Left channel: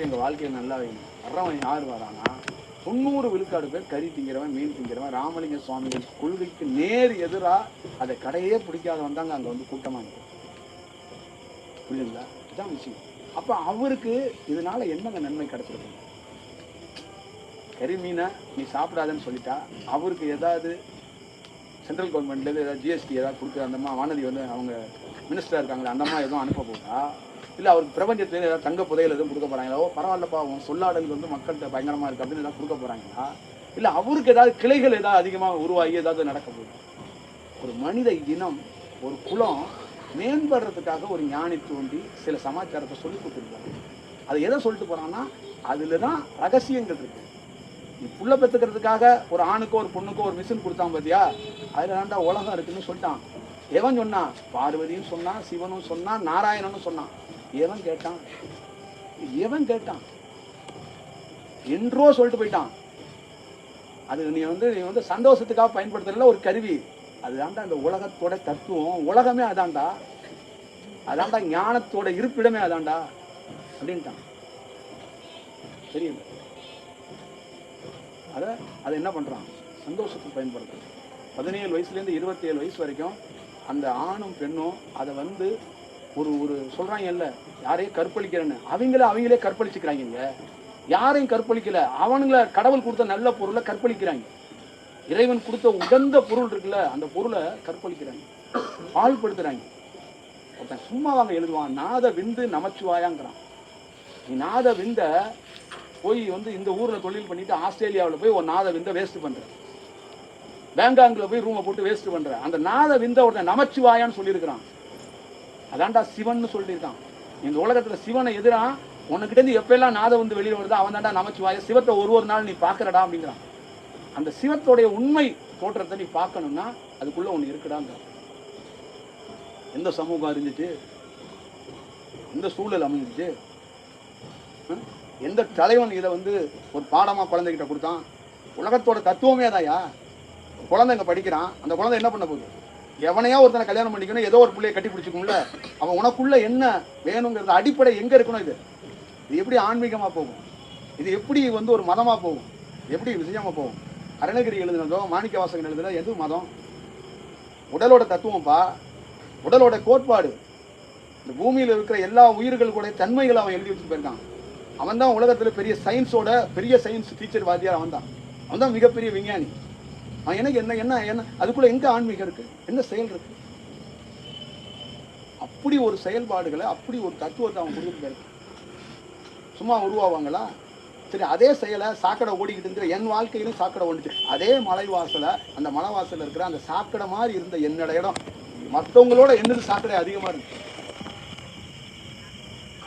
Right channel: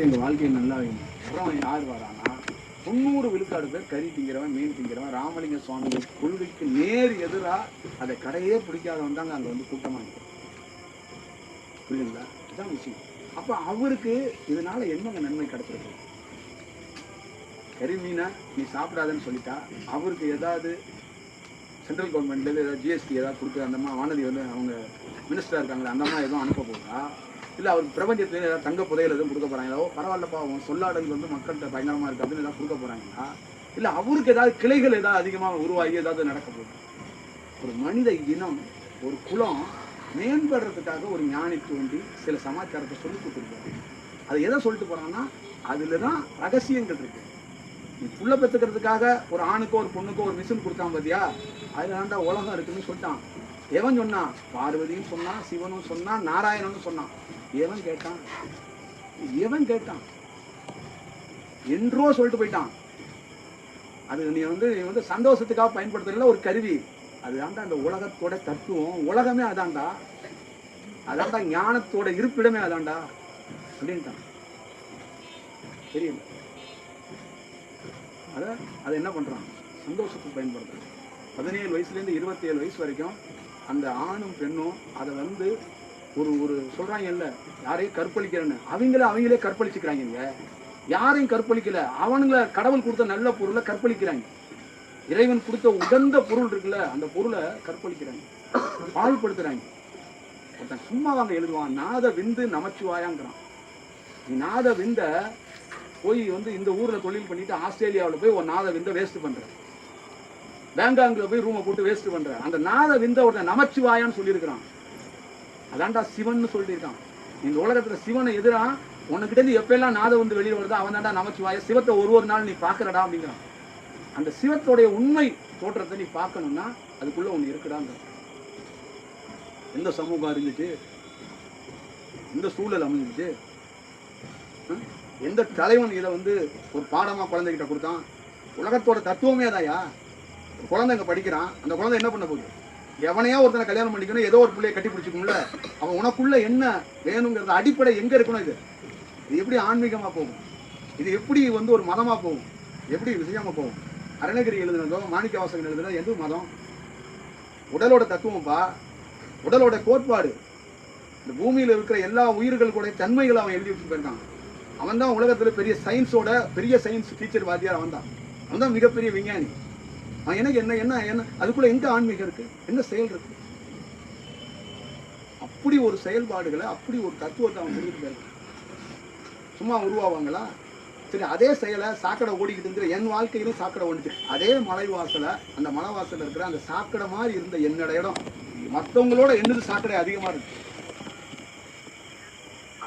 மட்டும் எங்கள் வாழ்க்கையில் நல்லா வேணும். வர்றவன் யார் வரானா 90 விழுக்காடு பேர் கறி திங்கிறவன், மீன் திங்கிறவன். ராமலிங்க சுவாமிகள் கொள்கைக்கு நேர் எதிராக அதை கடையே பிடிக்காதவன் தாங்க அங்கே வந்து கூட்டமாக நிற்கும். புரியுதுங்களா? இதுதான் விஷயம். அப்போ அவருக்கு இதனால என்னங்க நன்மை கிடைச்சிருக்கு? கறி மீனை நீ சாப்பிடாதுன்னு சொல்லிட்டா அவருக்கு ஏதாவது சென்ட்ரல் கவர்மெண்ட்லேருந்து ஏதாவது ஜிஎஸ்டி ஏதாவது கொடுக்குற அந்த அம்மா வானதி வந்து அவங்க மினிஸ்டராக இருக்காங்களே அந்த அம்மா எதுவும் அனுப்ப போதா? இல்லை அவருக்கு பிரபஞ்சத்துலேருந்து ஏதாவது தங்க புதையல் எதுவும் கொடுக்க போகிறாங்களா? ஓ பரவாயில்லப்பா அவன் சொல்லாடல் வந்து மக்கள்கிட்ட பயங்கரமாக இருக்காதுன்னு ஏதாவது கொடுக்க போகிறாங்களா? இல்லை அவருக்கு ஏதாவது கிளைகள் ஏதாவது அதிகமாக உருவாகி ஏதாவது நடக்க போகுது? ஒரு மனித இனம், ஒரு குலம் மேம்படுறதுக்காக ஒரு ஞானி தோண்டி சில சமாச்சாரத்தை சொல்லி கொடுத்துருப்பாங்க. அதை எதை சொல்லிட்டு போகிறாங்கன்னா அதில் தான் ரகசியங்கள் இருக்குது. நீ புள்ள பெற்றுக்கிறதுக்காக ஒரு ஆணுக்கோ ஒரு பொண்ணுக்கோ ஒரு மிஷின் கொடுத்தான் பார்த்தியா, அதில் தாண்டா உலகம் இருக்குன்னு சொல்லிட்டான். எவன் சொன்னான்? பார்வதியும் சொன்னான், சிவனும் சொன்னான், நாராயணனும் சொன்னான். எவன் கேட்டான்? எவன் கேட்டான்? என்றோ சொல்லிட்டு போயிட்டான். அது நீ வந்து சந்தோஷத்துக்காக பயன்படுத்துறதுல ஒரு கருவி. அதுதான்டா அந்த உலகத்தோட தத்துவம். உலகமே அதான்டா, அதான்டா ஞானத்தோட இருப்பிடமே அதான்டா அப்படின்ட்டான். தெரியல. அதை என்ன பண்ணுறான்? சந்தோஷத்துக்கு பயன்படுத்துறான். 17 வயசுலேருந்து 27 வயசு வரைக்கும் அந்த ஆணும் பெண்ணும் அதை வந்து ஒரு சொல்கிறாங்க இல்லை யாரையும் கற்பழிக்கிறேன்னு, அவங்களே கற்பழிச்சுக்கிறாங்க. யாரையும் கற்பழிக்கல, அவனுங்களை கடவுள் கொடுத்த நல்ல பொருளை கற்பழிக்கிறாங்க. இறைவன் கொடுத்த உகந்த பொருள் இருக்குல்ல அந்த பொருளை கற்பழிக்கிறாங்க, பாழ்படுத்துறாங்க. ஒருத்தன் சும்மா வாங்க எழுதுவான், நாத விந்து நமச்சிவாயாங்கிறான். நீ நாத விந்த போய் வந்து இந்த ஊரில் தொழில் பண்ணிட்டு ஆஸ்திரேலியாவில் போய் ஒரு நாத விந்த வேஸ்ட் பண்ணுற, பேங்காங்கில் போய் ரூமை போட்டு வேஸ்ட் பண்ணுற. அந்த நாத விந்த ஒருத்தன் நமச்சிவாயான்னு சொல்லியிருக்கிறான். அதான்டா சிவன் சொல்லியிருக்கான். இந்த உலகத்தில் சிவனை எதிராக உனக்கிட்டேருந்து எப்பெல்லாம் நாத வந்து வெளியே வருதோ அவன் தாண்டா நமச்சிவாய. சிவத்தை ஒரு நாள் நீ பார்க்கறடா அப்படிங்கிறான். அந்த சிவத்தோடைய உண்மை தோற்றத்தை நீ பார்க்கணும்னா அதுக்குள்ள ஒன்று இருக்குடாங்க. எந்த சமூகம் இருந்துச்சு, எந்த சூழல் அமைஞ்சிச்சு, எந்த தலைவன் இதை வந்து ஒரு பாடமாக குழந்தைகிட்ட கொடுத்தான்? உலகத்தோட தத்துவமே அதாயா. குழந்தைங்க படிக்கிறான், அந்த குழந்தை என்ன பண்ண போகுது? எவனையா ஒருத்தனை கல்யாணம் பண்ணிக்கணும், ஏதோ ஒரு பிள்ளையை கட்டி பிடிச்சிக்கணும்ல. அவன் உனக்குள்ள என்ன வேணுங்கிறது அடிப்படை எங்கே இருக்கணும்? இது எப்படி ஆன்மீகமாக போகும்? இது எப்படி வந்து ஒரு மதமாக போகும்? எப்படி விஷயமாக போகும்? அருணகிரி எழுதுனதோ மாணிக்க வாசகன் எழுதுனதோ எது மதம்? உடலோட தத்துவம்ப்பா, உடலோட கோட்பாடு. இந்த பூமியில் இருக்கிற எல்லா உயிர்களுடைய தன்மைகளை அவன் எழுதி வச்சுட்டு போயிருக்கான். அவன் தான் உலகத்தில் பெரிய சயின்ஸோட பெரிய சயின்ஸ் டீச்சர் வாத்தியார். அவன் தான் மிகப்பெரிய விஞ்ஞானி. அவன் எனக்கு என்ன என்ன என்ன அதுக்குள்ள எங்க ஆன்மீகம் இருக்கு? என்ன செயல் இருக்கு? அப்படி ஒரு செயல்பாடுகளை, அப்படி ஒரு தத்துவத்தை அவன் கொடுத்துட்டு போயிருக்கான். சும்மா உருவாவாங்களா? சரி, அதே செயலை சாக்கடை ஓடிக்கிட்டு இருக்கிற என் வாழ்க்கையிலும் சாக்கடை ஓடிச்சு. அதே மலைவாசலை, அந்த மலைவாசல இருக்கிற அந்த சாக்கடை மாதிரி இருந்த என்னோட இடம் மற்றவங்களோட என்னது சாக்கடை அதிகமாக இருக்கு.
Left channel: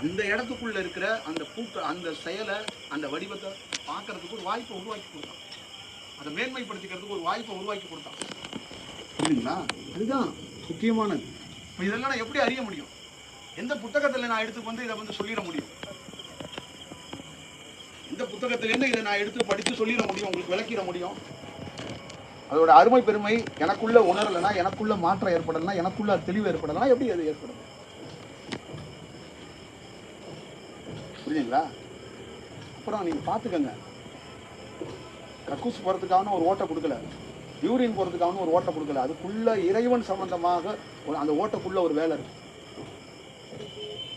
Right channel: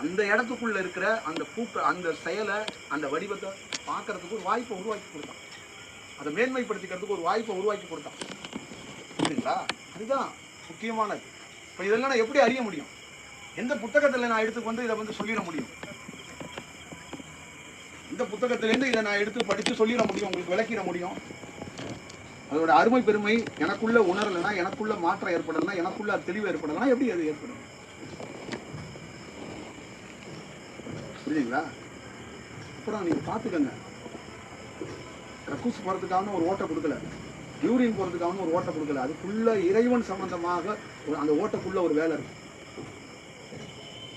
அந்த இடத்துக்குள்ள இருக்கிற அந்த அந்த செயலை, அந்த வடிவத்தை பார்க்கறதுக்கு ஒரு வாய்ப்பை உருவாக்கி கொடுத்தான். அதை மேன்மைப்படுத்திக்கிறதுக்கு ஒரு வாய்ப்பை உருவாக்கி கொடுத்தான். புரியுதுங்களா? அதுதான் முக்கியமானது. இப்போ இதெல்லாம் நான் எப்படி அறிய முடியும்? எந்த புத்தகத்தில் நான் எடுத்து வந்து இதை வந்து சொல்லிட முடியும்? இந்த புத்தகத்திலேருந்து இதை நான் எடுத்து படித்து சொல்லிட முடியும், உங்களுக்கு விளக்கிட முடியும். அதோட அருமை பெருமை எனக்குள்ள உணரலைன்னா, எனக்குள்ள மாற்றம் ஏற்படலைன்னா, எனக்குள்ள தெளிவு ஏற்படலைன்னா எப்படி அது ஏற்படும்? புரியுதுங்களா? அப்புறம் நீங்கள் பார்த்துக்கங்க, கக்கூஸ் போகிறதுக்கான ஒரு ஓட்டை கொடுக்கல, யூரின் போகிறதுக்கான ஒரு ஓட்டை கொடுக்கல. அதுக்குள்ள இறைவன் சம்பந்தமாக அந்த ஓட்டைக்குள்ள ஒரு வேலை இருக்கு.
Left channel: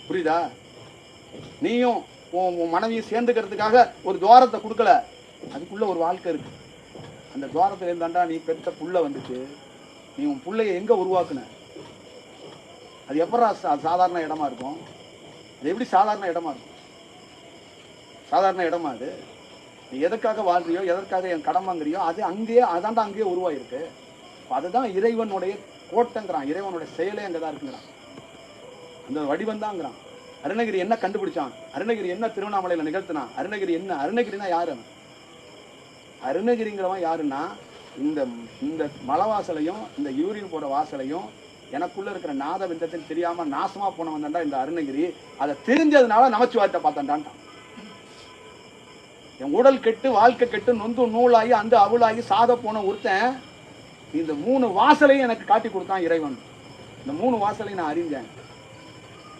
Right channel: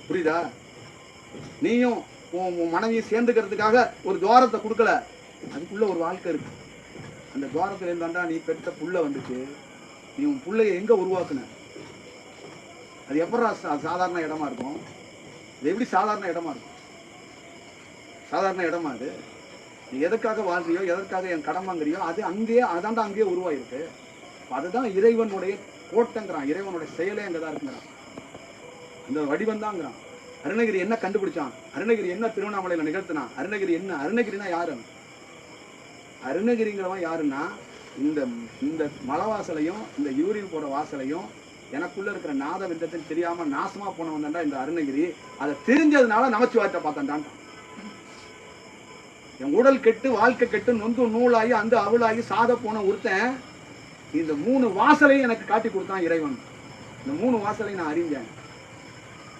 புரியுதா? நீயும் உன் மனைவியை சேர்ந்துக்கிறதுக்காக ஒரு துவாரத்தை கொடுக்கல, அதுக்குள்ள ஒரு வாழ்க்கை இருக்கு. அந்த துவாரத்தில் இருந்தாண்டா நீ பெற்ற புள்ள வந்துச்சு. நீ உன் பிள்ளைய எங்க உருவாக்குன? அது எப்படா சாதாரண இடமா இருக்கும்? அது எப்படி சாதாரண இடமா இருக்கும்? சாதாரண இடமா அது? நீ எதற்காக வாழ்றியோ, எதற்காக என் கடன் வாங்குறியோ, அது அங்கேயே அதாண்டா அங்கேயே உருவாயிருக்கு. அதுதான் இறைவனுடைய கோட்டைங்கிறான். இறைவனுடைய செயலே அங்கதான் இருக்குங்கிறான். அந்த வடிவம் தான்ங்கிறான். அருணகிரி என்ன கண்டுபிடிச்சான்? அருணகிரி என்ன திருவண்ணாமலையில நிகழ்த்தினான்? அருணகிரி என்ன? அருணகிரினா யாரு? அருணகிரிங்கிறவன் யாருன்னா, இந்த மலைவாசலையும் இந்த யூரின் போற வாசலையும் எனக்குள்ள இருக்கிற நாத விந்தத்தை தெரியாம நாசமா போனவன் தான்டா இந்த அருணகிரி. அதை தெரிஞ்சதுனால நமச்சிவாயத்தை பார்த்தான்டான். என் உடல் கெட்டு, வாழ்க்கை கெட்டு, நொந்து நூலாகி அந்த அவளாகி சாத போன ஒருத்தன் இந்த 3 வாசலையும் எனக்கு காட்டி கொடுத்தான் இறைவன். இந்த 3 வாசலையும் நான் அறிஞ்சேன்.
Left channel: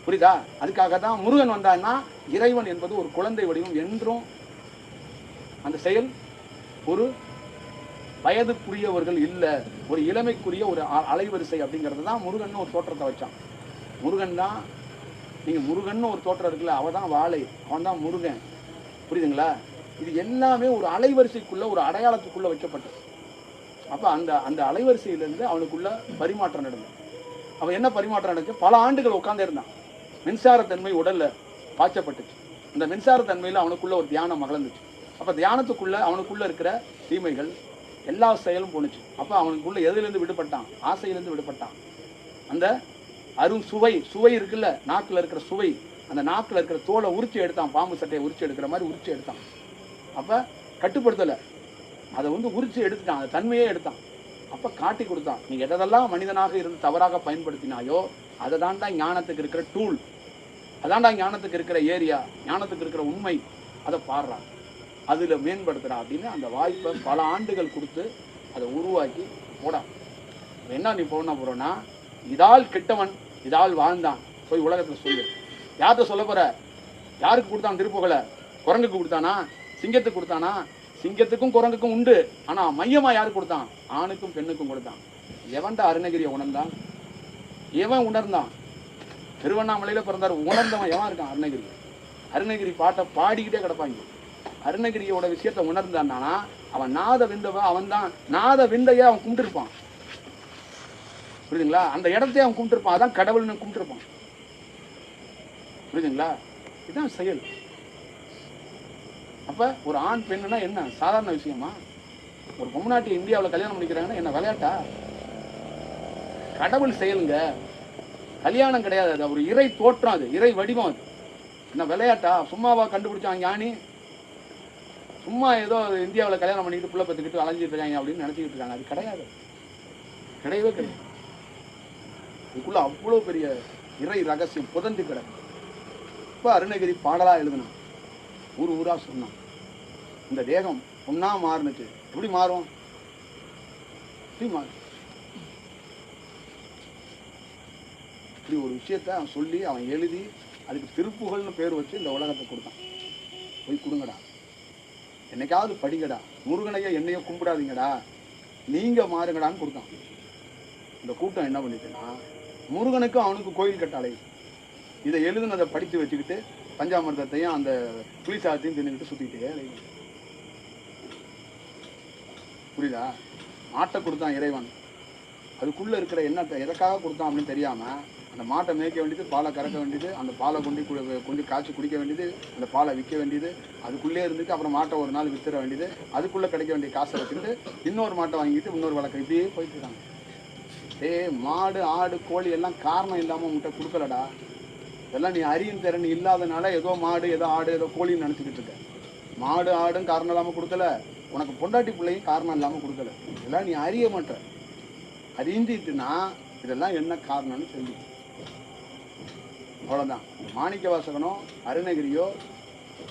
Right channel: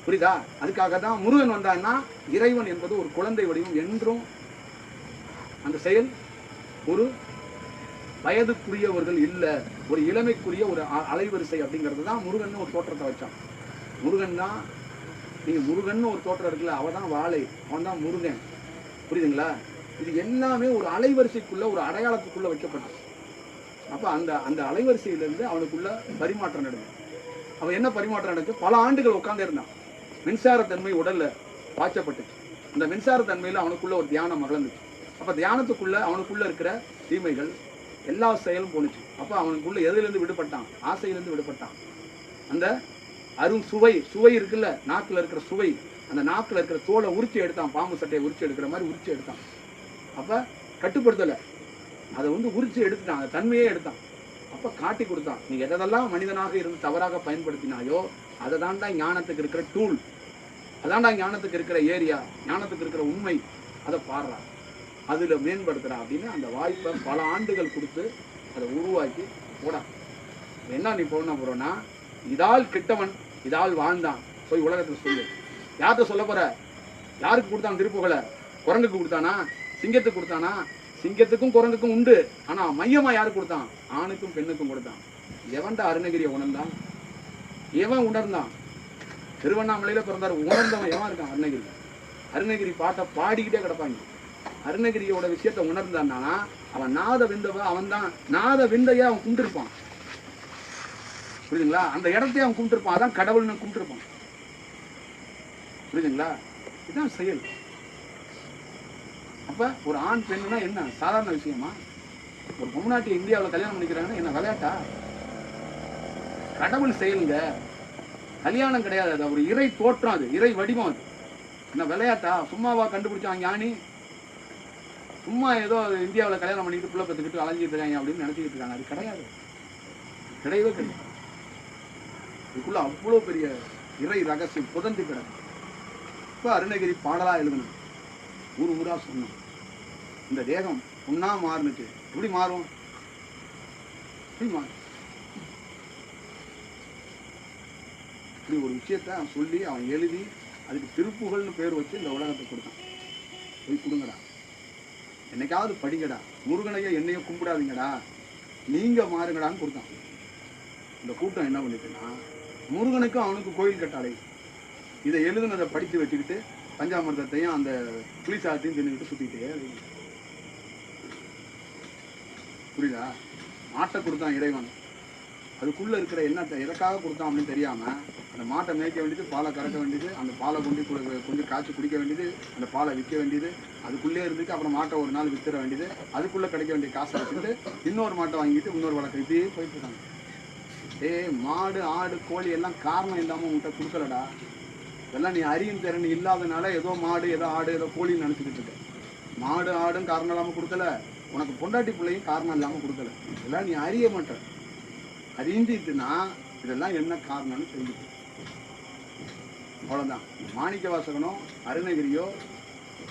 புரியுதா? அதுக்காக தான் முருகன் வந்தான்னா இறைவன் என்பது ஒரு குழந்தை வடிவம் என்றும் அந்த செயல் ஒரு வயதுக்குரியவர்கள் இல்லை, ஒரு இளமைக்குரிய ஒரு அலைவரிசை அப்படிங்கிறது தான் முருகன் ஒரு தோற்றத்தை வச்சான். முருகன் தான், நீங்க முருகன் ஒரு தோற்றம் இருக்குல்ல, அவன் தான் வாழை, அவன் தான் முருகன். புரியுதுங்களா? இது எல்லாமே ஒரு அலைவரிசைக்குள்ள ஒரு அடையாளத்துக்குள்ள வைக்கப்பட்டது. அப்ப அந்த அந்த அலைவரிசையிலிருந்து அவனுக்குள்ள பரிமாற்றம் நடந்தது. அவன் என்ன பரிமாற்றம் நடந்துச்சு? பல ஆண்டுகள் உட்கார்ந்தே இருந்தான். மின்சாரத்தன்மை உடல்ல பாய்ச்சப்பட்டுச்சு. அந்த மின்சாரத்தன்மையில அவனுக்குள்ள ஒரு தியானம் மகிழ்ந்துச்சு. அப்ப தியானத்துக்குள்ள அவனுக்குள்ள இருக்கிற தீமைகள் எல்லா செயலும் போணுச்சு. அப்ப அவனுக்குள்ள எதிலிருந்து விடுபட்டான்? ஆசையிலிருந்து விடுபட்டான். அந்த சுவை இருக்குல்ல, நாக்குல இருக்கிற சுவை, அந்த நாக்குல இருக்கிற தோலை உரிச்சு எடுத்தான். பாம்பு சட்டையை உரிச்சு எடுக்கிற மாதிரி உரிச்சு எடுத்தான். அப்ப கட்டுப்படுத்தல, அதை உரிச்சு எடுத்துட்டான், அந்த தன்மையே எடுத்தான். அப்ப காட்டி கொடுத்தான். நீ எதெல்லாம் மனிதனாக இருந்து தவறாக பயன்படுத்தினாயோ அதை தாண்டா ஞானத்துக்கு இருக்கிற டூல், அதான்டா ஞானத்துக்கு இருக்கிற ஏரியா, ஞானத்துக்கு இருக்கிற உண்மை, அதை பாடுறா, அதுல மேம்படுத்துறா அப்படின்னு அந்த வாய்ப்பை பல ஆண்டுகள் கொடுத்து அதை உருவாக்கி போடா. என்ன நீ போறோம்னா, இதால் கெட்டவன் இதால் வாழ்ந்தான் போய் உலகத்துல சொல்லு. யார்கிட்ட சொல்ல போற? யாருக்கு கொடுத்தான் திருப்புகளை? குரங்குக்கு கொடுத்தானா? சிங்கத்துக்கு கொடுத்தானா? சிங்கத்துக்கும் குரங்குக்கும் உண்டு, ஆனா மையமா யாருக்கு கொடுத்தான்? ஆணுக்கும் பெண்ணுக்கும் கொடுத்தான். எவன்டா அருணகிரியை உணர்ந்தான்? எவன் உணர்ந்தான்? திருவண்ணாமலையில பிறந்தார், உணர்ந்தவன் எவன் இருக்கான்? அருணகிரி. அருணகிரி பாட்டை பாடிக்கிட்டே கிடப்பாங்க. அருணகிரியோட விஷயத்த உணர்ந்தான்னா அவன் நாத விந்தவ, அவன் தான் நாத விந்தைய அவன் கும்பிட்டுருப்பான். புரியுதுங்களா? அந்த இடத்தையே அவன் கும்பிட்டுருப்பான். அதான் கடவுள்னு கும்பிட்டுருப்பான். புரியுதுங்களா? இதுதான் செயல். அப்ப ஒரு ஆண் பெண்ணுனா என்ன சாதாரண விஷயமா? ஒரு பொம்நாட்டி இந்தியாவில் கல்யாணம் பண்ணிக்கிறாங்கன்னா என்ன விளையாட்டா? கடவுள் செயலுங்க, கல்யாணம் கிடையாது. அது ஒரு இறை தோற்றம், அது இறை வடிவம். அது என்ன விளையாட்டா? சும்மாவா கண்டுபிடிச்சான் ஞானி? சும்மா ஏதோ இந்தியாவில் கல்யாணம் பண்ணிக்கிட்டு புள்ள பெற்றுக்கிட்டு அலைஞ்சிட்டு இருக்காங்க அப்படின்னு நினைச்சிக்கிட்டு இருக்காங்க. அது கிடையாது, கிடையவே கிடையாது. இதுக்குள்ள அவ்வளோ பெரிய இறை ரகசியம் புதந்து கிடக்கு. இப்போ அருணகிரி பாடலா எழுதணும், ஊர் ஊரா சொன்னான். இந்த தேகம் ஒன்னா மாறுனுச்சு. எப்படி மாறும்? எப்படி மாறும்? இப்படி ஒரு விஷயத்த அவன் சொல்லி அவன் எழுதி அதுக்கு திருப்புகள்னு பேர் வச்சு இந்த உலகத்தை கொடுத்தான். போய் கொடுங்கடா, என்னைக்காவது படிங்கடா, முருகனைய என்னைய கும்பிடாதீங்கடா, நீங்க மாறுங்கடான்னு கொடுத்தான். இந்த கூட்டம் என்ன பண்ணிட்டுன்னா, முருகனுக்கும் அவனுக்கு கோயில் கட்டாளை இதை எழுதுனதை படித்து வச்சுக்கிட்டு பஞ்சாமிர்தத்தையும் அந்த புளிசாதத்தையும் தின்னுக்கிட்டு சுத்திக்கிட்டே. புரியுதா? மாட்டை கொடுத்தான் இறைவன், அதுக்குள்ள இருக்கிற என்னத்தை எதற்காக கொடுத்தான் அப்படின்னு தெரியாம அந்த மாட்டை மேய்க்க வேண்டியது, பாலை கறக்க வேண்டியது, அந்த பாலை கொஞ்சம் காய்ச்சி குடிக்க வேண்டியது, அந்த பாலை விற்க வேண்டியது, அதுக்குள்ளே இருந்துட்டு அப்புறம் மாட்டை ஒரு நாள் வித்துற வேண்டியது, அதுக்குள்ள கிடைக்க வேண்டிய காசை வச்சுட்டு இன்னொரு மாட்டை வாங்கிட்டு இன்னொரு வழக்கம், இப்படியே போயிட்டு இருக்காங்க. மாடு ஆடு கோழி எல்லாம் காரணம் இல்லாம உன்கிட்ட கொடுக்கலடா. இதெல்லாம் நீ அறியும் திறன் இல்லாதனால ஏதோ மாடு ஏதோ ஆடு ஏதோ கோழின்னு நினைச்சுக்கிட்டு இருக்க. மாடு ஆடும் காரணம் இல்லாம கொடுக்கல, உனக்கு பொண்டாட்டி பிள்ளையும் காரணம் இல்லாம கொடுக்கல. இதெல்லாம் நீ அறிய மாட்ட. அறிஞ்சிட்டுனா இதெல்லாம் என்ன காரணம்னு தெரிஞ்சுக்க. அவ்வளவுதான். மாணிக்க வாசகனோ அருணகிரியோ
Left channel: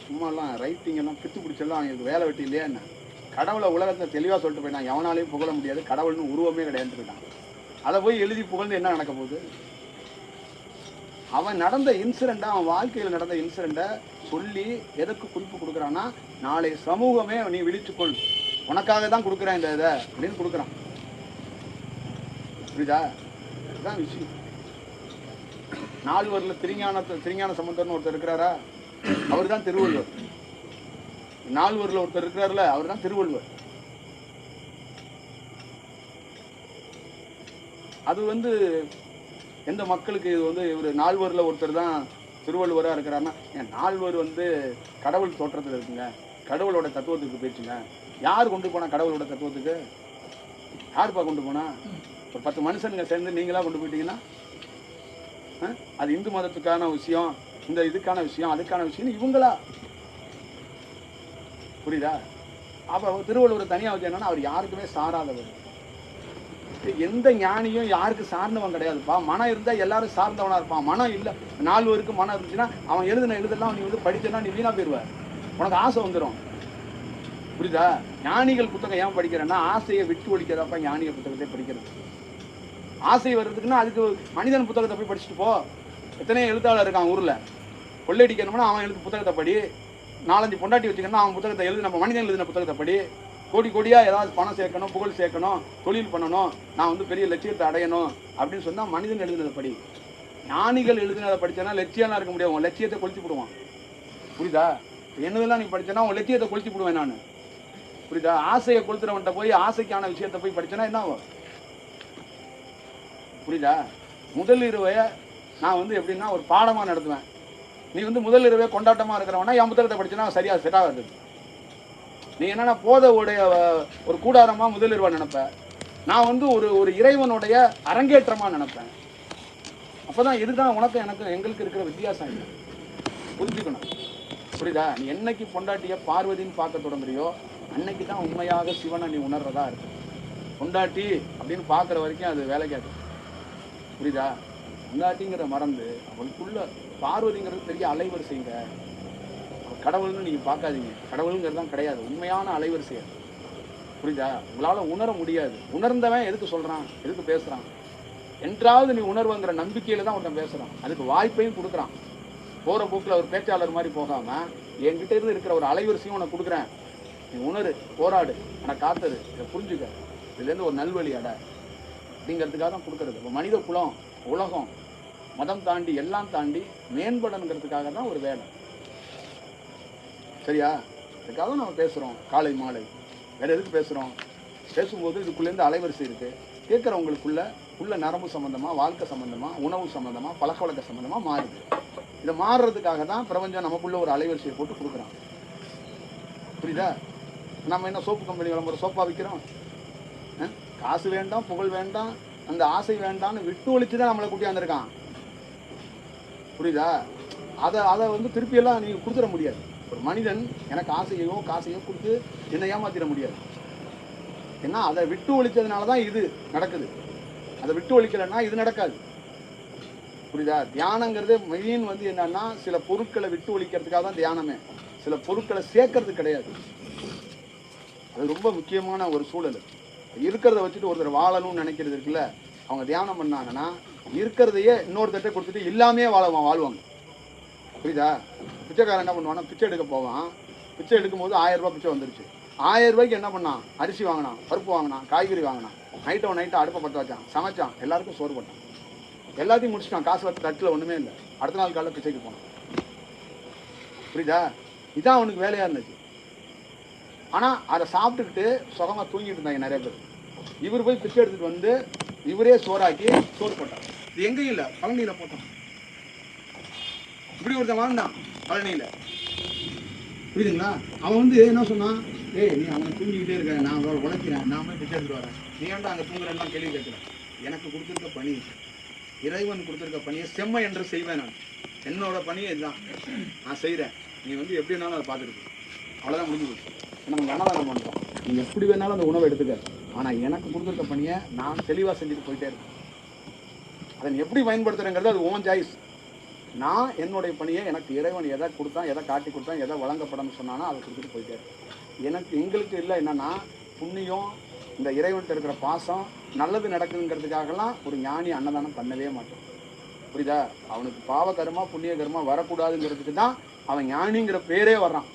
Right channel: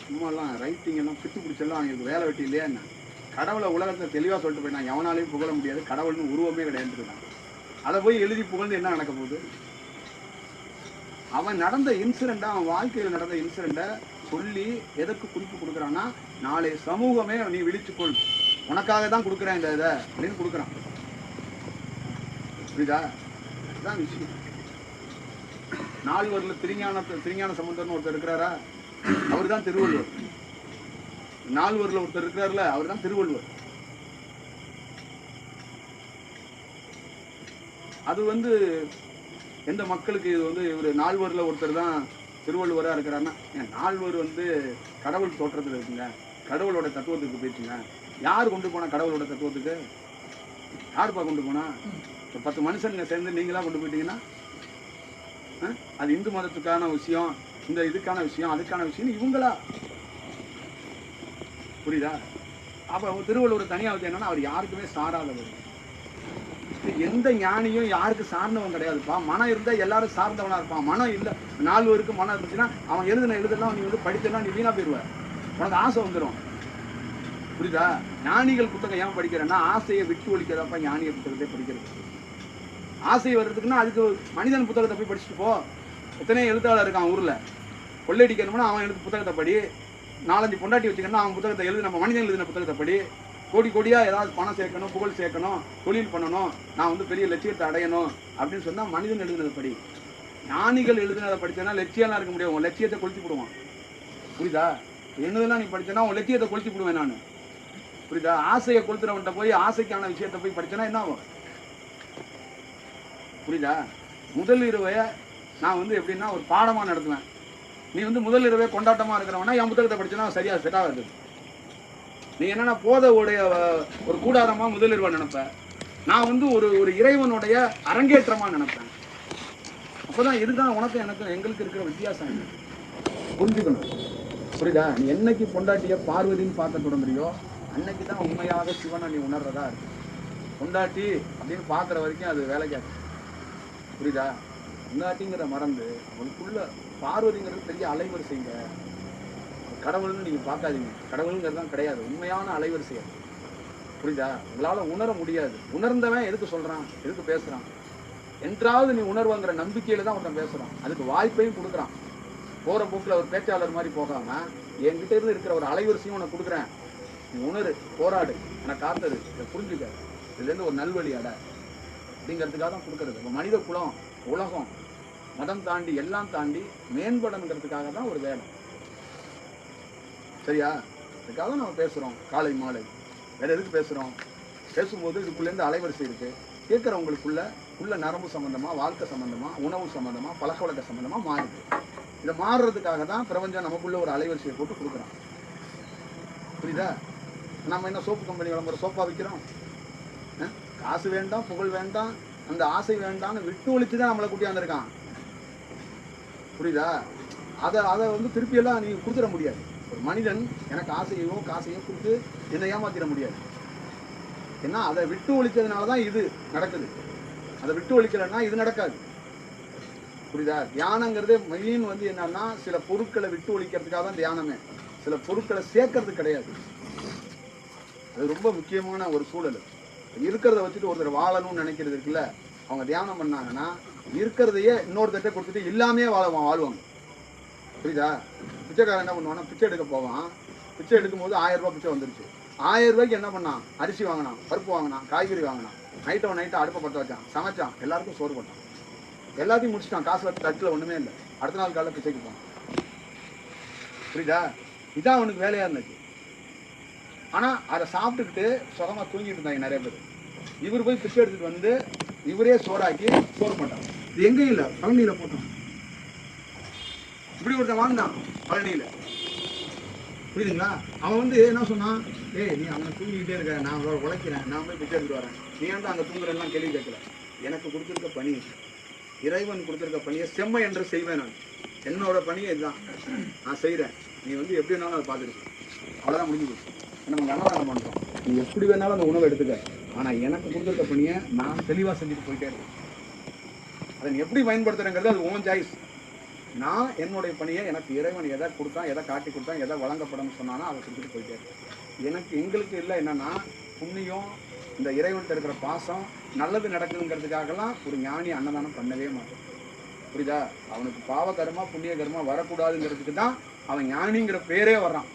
சும்மாலாம் ரைட்டிங் எல்லாம் பித்து பிடிச்செல்லாம் அவங்களுக்கு வேலை வெட்டி இல்லையா என்ன? கடவுளை உலகத்தை தெளிவா சொல்லிட்டு போய் நான் எவனாலையும் புகழ முடியாது, கடவுள்னு உருவமே கிடையாது இருக்கான். அதை போய் எழுதி புகழ்ந்து என்ன நடக்க போகுது? அவன் நடந்த இன்சிடென்ட்டை, அவன் வாழ்க்கையில் நடந்த இன்சிடென்ட்டை சொல்லி எதற்கு குறிப்பு கொடுக்குறான்னா, நாளை சமூகமே நீ விழிச்சுக்கொள், உனக்காக தான் கொடுக்குறேன் இந்த இதை அப்படின்னு கொடுக்குறான். புரியுதா? இதுதான் விஷயம். நால்வரில் திருஞான சம்பந்தர்னு ஒருத்தர் இருக்கிறாரா? அவர் தான் திருவள்ளுவர். நால்வரில் ஒருத்தர் இருக்கிறார்ல, அவர் தான் திருவள்ளுவர். அது எந்த மக்களுக்கு இது இவர் நால்வரில் ஒருத்தர் தான் திருவள்ளுவராக இருக்கிறாருன்னா, நால்வர் கடவுள் தோற்றத்தில் இருக்குங்க, கடவுளோட தத்துவத்துக்கு போயிடுச்சுங்க. யார் கொண்டு போனா கடவுளோட தத்துவத்துக்கு? யாருப்பா கொண்டு போனா? ஒரு 10 மனுஷனுங்க சேர்ந்து நீங்களா கொண்டு போயிட்டீங்கன்னா அது இந்து மதத்துக்கான விஷயம், இந்த இதுக்கான விஷயம், அதுக்கான விஷயம் இவங்களா? புரியுதா? அப்ப திருவள்ளுவர் தனியா வச்சு என்னன்னா, அவர் யாருக்குமே சாராதவர். எந்த ஞானியும் யாருக்கு சார்ந்தவன் கிடையாதுப்பா. மனம் இருந்தா எல்லாரும் சார்ந்தவனா இருப்பான். மனம் இல்லை, 4 பேருக்கு மனம் இருந்துச்சுன்னா அவன் எழுதெல்லாம் நீ படிச்செல்லாம் நீ வீணா போயிடுவ, உனக்கு ஆசை வந்துடும். புரியுதா? ஞானிகள் புத்தகம் ஏன் படிக்கிறேன்னா, ஆசையை விட்டு ஒழிக்கிறப்ப ஞானிய புத்தகத்தை படிக்கிறது. ஆசை வர்றதுக்குன்னா அதுக்கு மனிதன் புத்தகத்தை போய் படிச்சுட்டு போ. எத்தனையோ எழுத்தாளர் இருக்கான் ஊர்ல, கொள்ளையடிக்கணும்னா அவன் எழுது புத்தகத்தை படி, 4-5 பொண்டாட்டி வச்சுக்கணும்னா அவன் புத்தகத்தை எழுது, நம்ம மனிதன் எழுதின புத்தகத்தை படி, கோடி கோடியா ஏதாவது பணம் சேர்க்கணும், புகழ் சேர்க்கணும், தொழில் பண்ணணும், நான் வந்து பெரிய லட்சியத்தை அடையணும் அப்படின்னு சொன்னா மனிதன் எழுதினதை படி. ஞானிகள் எழுதினதை படிச்சேன்னா லட்சியம்லாம் இருக்க முடியாது, உன் லட்சியத்தை கொளுத்தி போடுவான். புரியுதா? என்னதெல்லாம் நீ படிச்சேன்னா உன் லட்சியத்தை கொளுத்தி போடுவேன் நான். புரியுதா? ஆசையை கொளுத்துறவன்ட்ட போய் ஆசைக்கான விஷயத்தை போய் படிச்சேன்னா என்ன ஆகும்? புரியுதா? முதல் இரவைய நான் வந்து எப்படின்னா ஒரு பாடமா நடத்துவேன். நீ வந்து முதல் இரவே கொண்டாட்டமா இருக்கிறவனா என் புத்தகத்தை படிச்சேன்னா சரியா செட் ஆகாது. நீ என்னன்னா போதவுடைய ஒரு கூடாரமா முதல் இரவா நினைப்ப, நான் வந்து ஒரு இறைவனுடைய அரங்கேற்றமா நினைப்பேன். அப்பதான் இதுதான் உனக்கு எனக்கு எங்களுக்கு இருக்கிற வித்தியாசம் இல்லை, புரிஞ்சுக்கணும். புரியுதா? நீ என்னைக்கு பொண்டாட்டிய பார்வதின்னு பார்க்க தொடங்குறியோ அன்னைக்கு தான் உண்மையாக சிவனை நீ உணர்றதா இருக்கு. பொண்டாட்டி அப்படின்னு பார்க்குற வரைக்கும் அது வேலைக்காது. புரியுதா? பொண்டாட்டிங்கிற மறந்து அவளுக்குள்ள பார்வதிங்கிறது பெரிய அலைவரிசைங்க. கடவுள்னு நீங்க பார்க்காதீங்க, கடவுளுங்கிறது தான் கிடையாது, உண்மையான அலைவரிசை. புரியுதா? உங்களால உணர முடியாது. உணர்ந்தவன் எதுக்கு சொல்றான், எதுக்கு பேசுறான்? என்றாவது நீ உணர்வுங்கிற நம்பிக்கையில தான் ஒருத்தன் பேசுறான், அதுக்கு வாய்ப்பையும் கொடுக்குறான். போற போக்கில் ஒரு பேச்சாளர் மாதிரி போகாம என்கிட்ட இருந்து இருக்கிற ஒரு அலைவரிசையும் உனக்கு கொடுக்குறேன், நீ உணரு, போராடு, எனக்கு காத்தரு, இதை புரிஞ்சுக்க, இதுல இருந்து ஒரு நல்வழி அட அப்படிங்கிறதுக்காக தான் கொடுக்கறது. இப்போ மனித குலம், உலகம், மதம் தாண்டி எல்லாம் தாண்டி மேம்படணுங்கிறதுக்காக தான் ஒரு வேலை. சரியா? அதுக்காக நம்ம பேசுறோம் காலை மாலை. வேற எதுக்கு பேசுறோம்? பேசும்போது இதுக்குள்ளேருந்து அலைவரிசை இருக்கு, கேட்குறவங்களுக்குள்ள உள்ள நரம்பு சம்பந்தமா, வாழ்க்கை சம்பந்தமா, உணவு சம்பந்தமா, பழக்க வழக்க சம்பந்தமா மாறுது. இதை மாறுறதுக்காக தான் பிரபஞ்சம் நமக்குள்ள ஒரு அலைவரிசையை போட்டு கொடுக்குறான். புரியுதா? நம்ம என்ன சோப்பு கம்பெனி விளம்பரம் சோப்பா விற்கிறோம்? காசு வேண்டாம், புகழ் வேண்டாம், அந்த ஆசை வேண்டாம்னு விட்டு ஒழிச்சு தான் நம்மளை கூட்டியாந்துருக்கான். புரியுதா? அதை வந்து திருப்பியெல்லாம் நீங்க கொடுத்துட முடியாது. ஒரு மனிதன் எனக்கு ஆசையோ காசையோ கொடுத்து என்னை ஏமாத்திட முடியாது. ஏன்னா அதை விட்டு ஒழிச்சதுனால தான் இது நடக்குது, அதை விட்டு ஒழிக்கலைன்னா இது நடக்காது. புரியுதா? தியானங்கிறது மெயின் வந்து என்னன்னா சில பொருட்களை விட்டு ஒழிக்கிறதுக்காக தான் தியானமே, சில பொருட்களை சேர்க்கறது கிடையாது. அது ரொம்ப முக்கியமான ஒரு சூழல். இருக்கிறத வச்சுட்டு ஒருத்தர் வாழணும்னு நினைக்கிறது இருக்குல்ல, அவங்க தியானம் பண்ணாங்கன்னா இருக்கிறதையே இன்னொருத்தட்ட கொடுத்துட்டு இல்லாமே வாழ்வாங்க. புரியுதா? பிச்சைக்காரன் என்ன பண்ணுவான்னா பிச்சை எடுக்க போவான், பிச்சை எடுக்கும் போது 1000 ரூபாய் பிச்சை வந்துருச்சு. 1000 ரூபாய்க்கு என்ன பண்ணான்? அரிசி வாங்கினான், பருப்பு வாங்கினான், காய்கறி வாங்கினான், நைட்டை அடுப்பை பற்ற வச்சான், சமைச்சான், எல்லாருக்கும் சோறு போட்டான், எல்லாத்தையும் முடிச்சிட்டான். காசு வச்சு தட்டில் ஒன்றுமே இல்லை. அடுத்த நாள் காலையில் பிச்சைக்கு போனான். புரியுதா? இதான் அவனுக்கு வேலையாக இருந்துச்சு. ஆனால் அதை சாப்பிட்டுக்கிட்டு சுகமாக தூங்கிட்டு இருந்தாங்க நிறைய பேர். இவர் போய் பிச்சை எடுத்துகிட்டு வந்து இவரே சோறாக்கி சோறு போட்டான். இது எங்கேயும் இல்லை, பழனியில் போட்டான். இப்படி ஒருத்தன் வாங்கினான் பழனியில். புரியுதுங்களா? அவன் வந்து என்ன சொன்னான்? ஏய், நீ அவனை தூங்கிக்கிட்டே இருக்க, நான் உழைக்கிறேன், நான் போய் பிச்சை எடுத்துட்டு வரேன், நீ ஏன்டா அங்கே தூங்குறேன்லாம் கேள்வி கேட்கல. எனக்கு கொடுத்துருக்க பணி, இறைவன் கொடுத்துருக்க பணியை செம்மை என்று செய்வேன். நான் என்னோட பணியை இதுதான் நான் செய்கிறேன், நீ வந்து எப்படி வேணாலும் அதை பார்த்துருக்கு, அவ்வளோதான் முடிஞ்சு. நம்ம அன்னதானம் பண்ணுறோம், நீ எப்படி வேணாலும் அந்த உணவை எடுத்துக்க, ஆனால் எனக்கு கொடுத்துருக்க பணியை நான் தெளிவாக செஞ்சுட்டு போயிட்டே இருக்கேன். அதை நீ எப்படி பயன்படுத்துறேங்கிறது அது உன் சாய்ஸ். நான் என்னுடைய பணியை எனக்கு இறைவன் எதை கொடுத்தான், எதை காட்டி கொடுத்தான், எதை வழங்கப்படணும்னு சொன்னானோ அதை கொடுத்துட்டு போயிட்டே இருக்கேன். எங்களுக்கு இல்லை என்னன்னா புண்ணியம், இந்த இறைவன்கிட்ட இருக்கிற பாசம், நல்லது நடக்குதுங்கிறதுக்காகலாம் ஒரு ஞானி அன்னதானம் பண்ணவே மாட்டான். புரியுதா? அவனுக்கு பாவ கர்மா புண்ணிய கர்மா வரக்கூடாதுங்கிறதுக்கு தான் அவன் ஞானிங்கிற பேரே வர்றான்.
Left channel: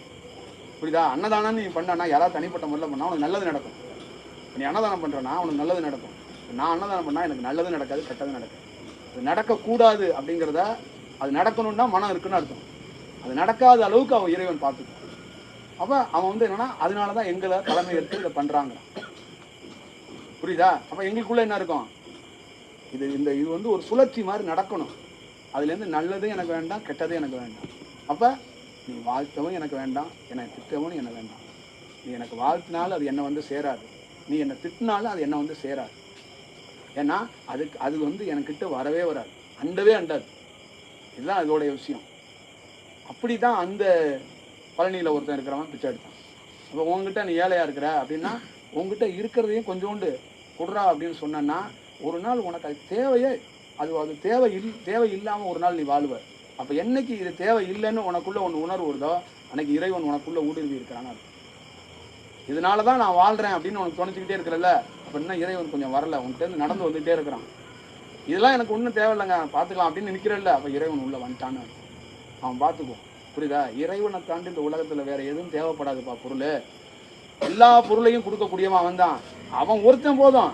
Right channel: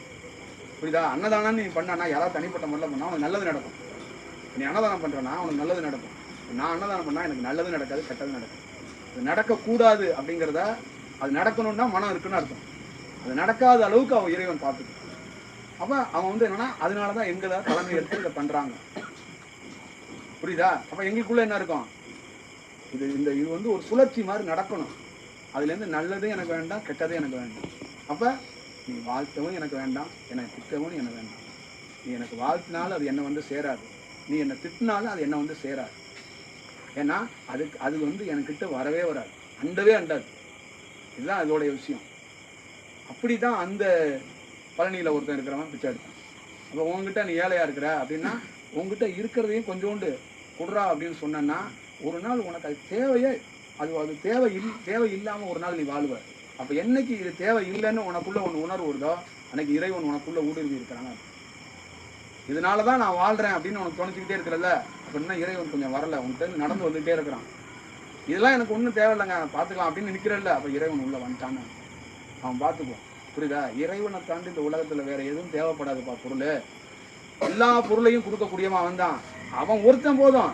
புரியுதா? அன்னதானம் நீ பண்ணானா யாராவது தனிப்பட்ட முறையில் பண்ணால் அவனுக்கு நல்லது நடக்கும். நீ அன்னதானம் பண்ணுறனா அவனுக்கு நல்லது நடக்கும். நான் அன்னதானம் பண்ணால் எனக்கு நல்லது நடக்காது, கெட்டது நடக்கும். அது நடக்கக்கூடாது அப்படிங்கிறத, அது நடக்கணும்னா மனம் இருக்குன்னு அர்த்தம். அது நடக்காத அளவுக்கு அவன் இறைவன் பார்த்துக்கான். அப்போ அவன் வந்து என்னன்னா அதனால தான் எங்களை தலைமை எடுத்து இதை பண்ணுறாங்க. புரியுதா? அப்போ எங்களுக்குள்ள என்ன இருக்கும்? இது வந்து ஒரு சுழற்சி மாதிரி நடக்கணும். அதுலேருந்து நல்லதும் எனக்கு வேண்டாம், கெட்டதும் எனக்கு வேண்டாம். அப்போ நீ வாழ்த்தவும் எனக்கு வேண்டாம், என்னை திட்டவும் என்ன வேண்டாம். நீ எனக்கு வாழ்த்தினாலும் அது என்னை வந்து சேராது, நீ என்னை திட்டினாலும் அது என்னை வந்து சேராது. ஏன்னா அது வந்து எனக்கிட்ட வரவே வராது, அண்டவே அண்டாது. இதுதான் அதோடைய விஷயம். அப்படி தான் அந்த பழனியில் ஒருத்தன் இருக்கிறவன் பிச்சை எடுத்தான். அப்போ உங்ககிட்ட நீ ஏழையாக இருக்கிற அப்படின்னா உங்ககிட்ட இருக்கிறதையும் கொஞ்சோண்டு கொடுறா அப்படின்னு சொன்னா ஒரு நாள் உனக்கு அது தேவையே, அது தேவை இல்லாமல் ஒரு நாள் நீ வாழ்வ. அப்போ என்னைக்கு இது தேவை இல்லைன்னு உனக்குள்ள ஒன்று உணர்வு வருதோ அன்னைக்கு இறைவன் உனக்குள்ள ஊடுருவி இருக்கிறாங்க. இதனால தான் நான் வாழ்கிறேன் அப்படின்னு உனக்கு தோணிச்சுக்கிட்டே இருக்கிறல்ல, அப்போ இன்னும் இறைவன் கொஞ்சம் வரல, உன்கிட்ட நடந்து வந்துகிட்டே இருக்கிறான். இதெல்லாம் எனக்கு ஒன்றும் தேவையில்லைங்க, பார்த்துக்கலாம் அப்படின்னு நிற்கிறல்ல, அப்போ இறைவன் உள்ள வந்துட்டான்னு அவன் பார்த்துக்குவான். புரியுதா? இறைவனை தாண்டி இந்த உலகத்தில் வேற எதுவும் தேவைப்படாதுப்பா. பொருள் எல்லா பொருளையும் கொடுக்கக்கூடியவன் அவன் தான். அவன் ஒருத்தன் போதும்,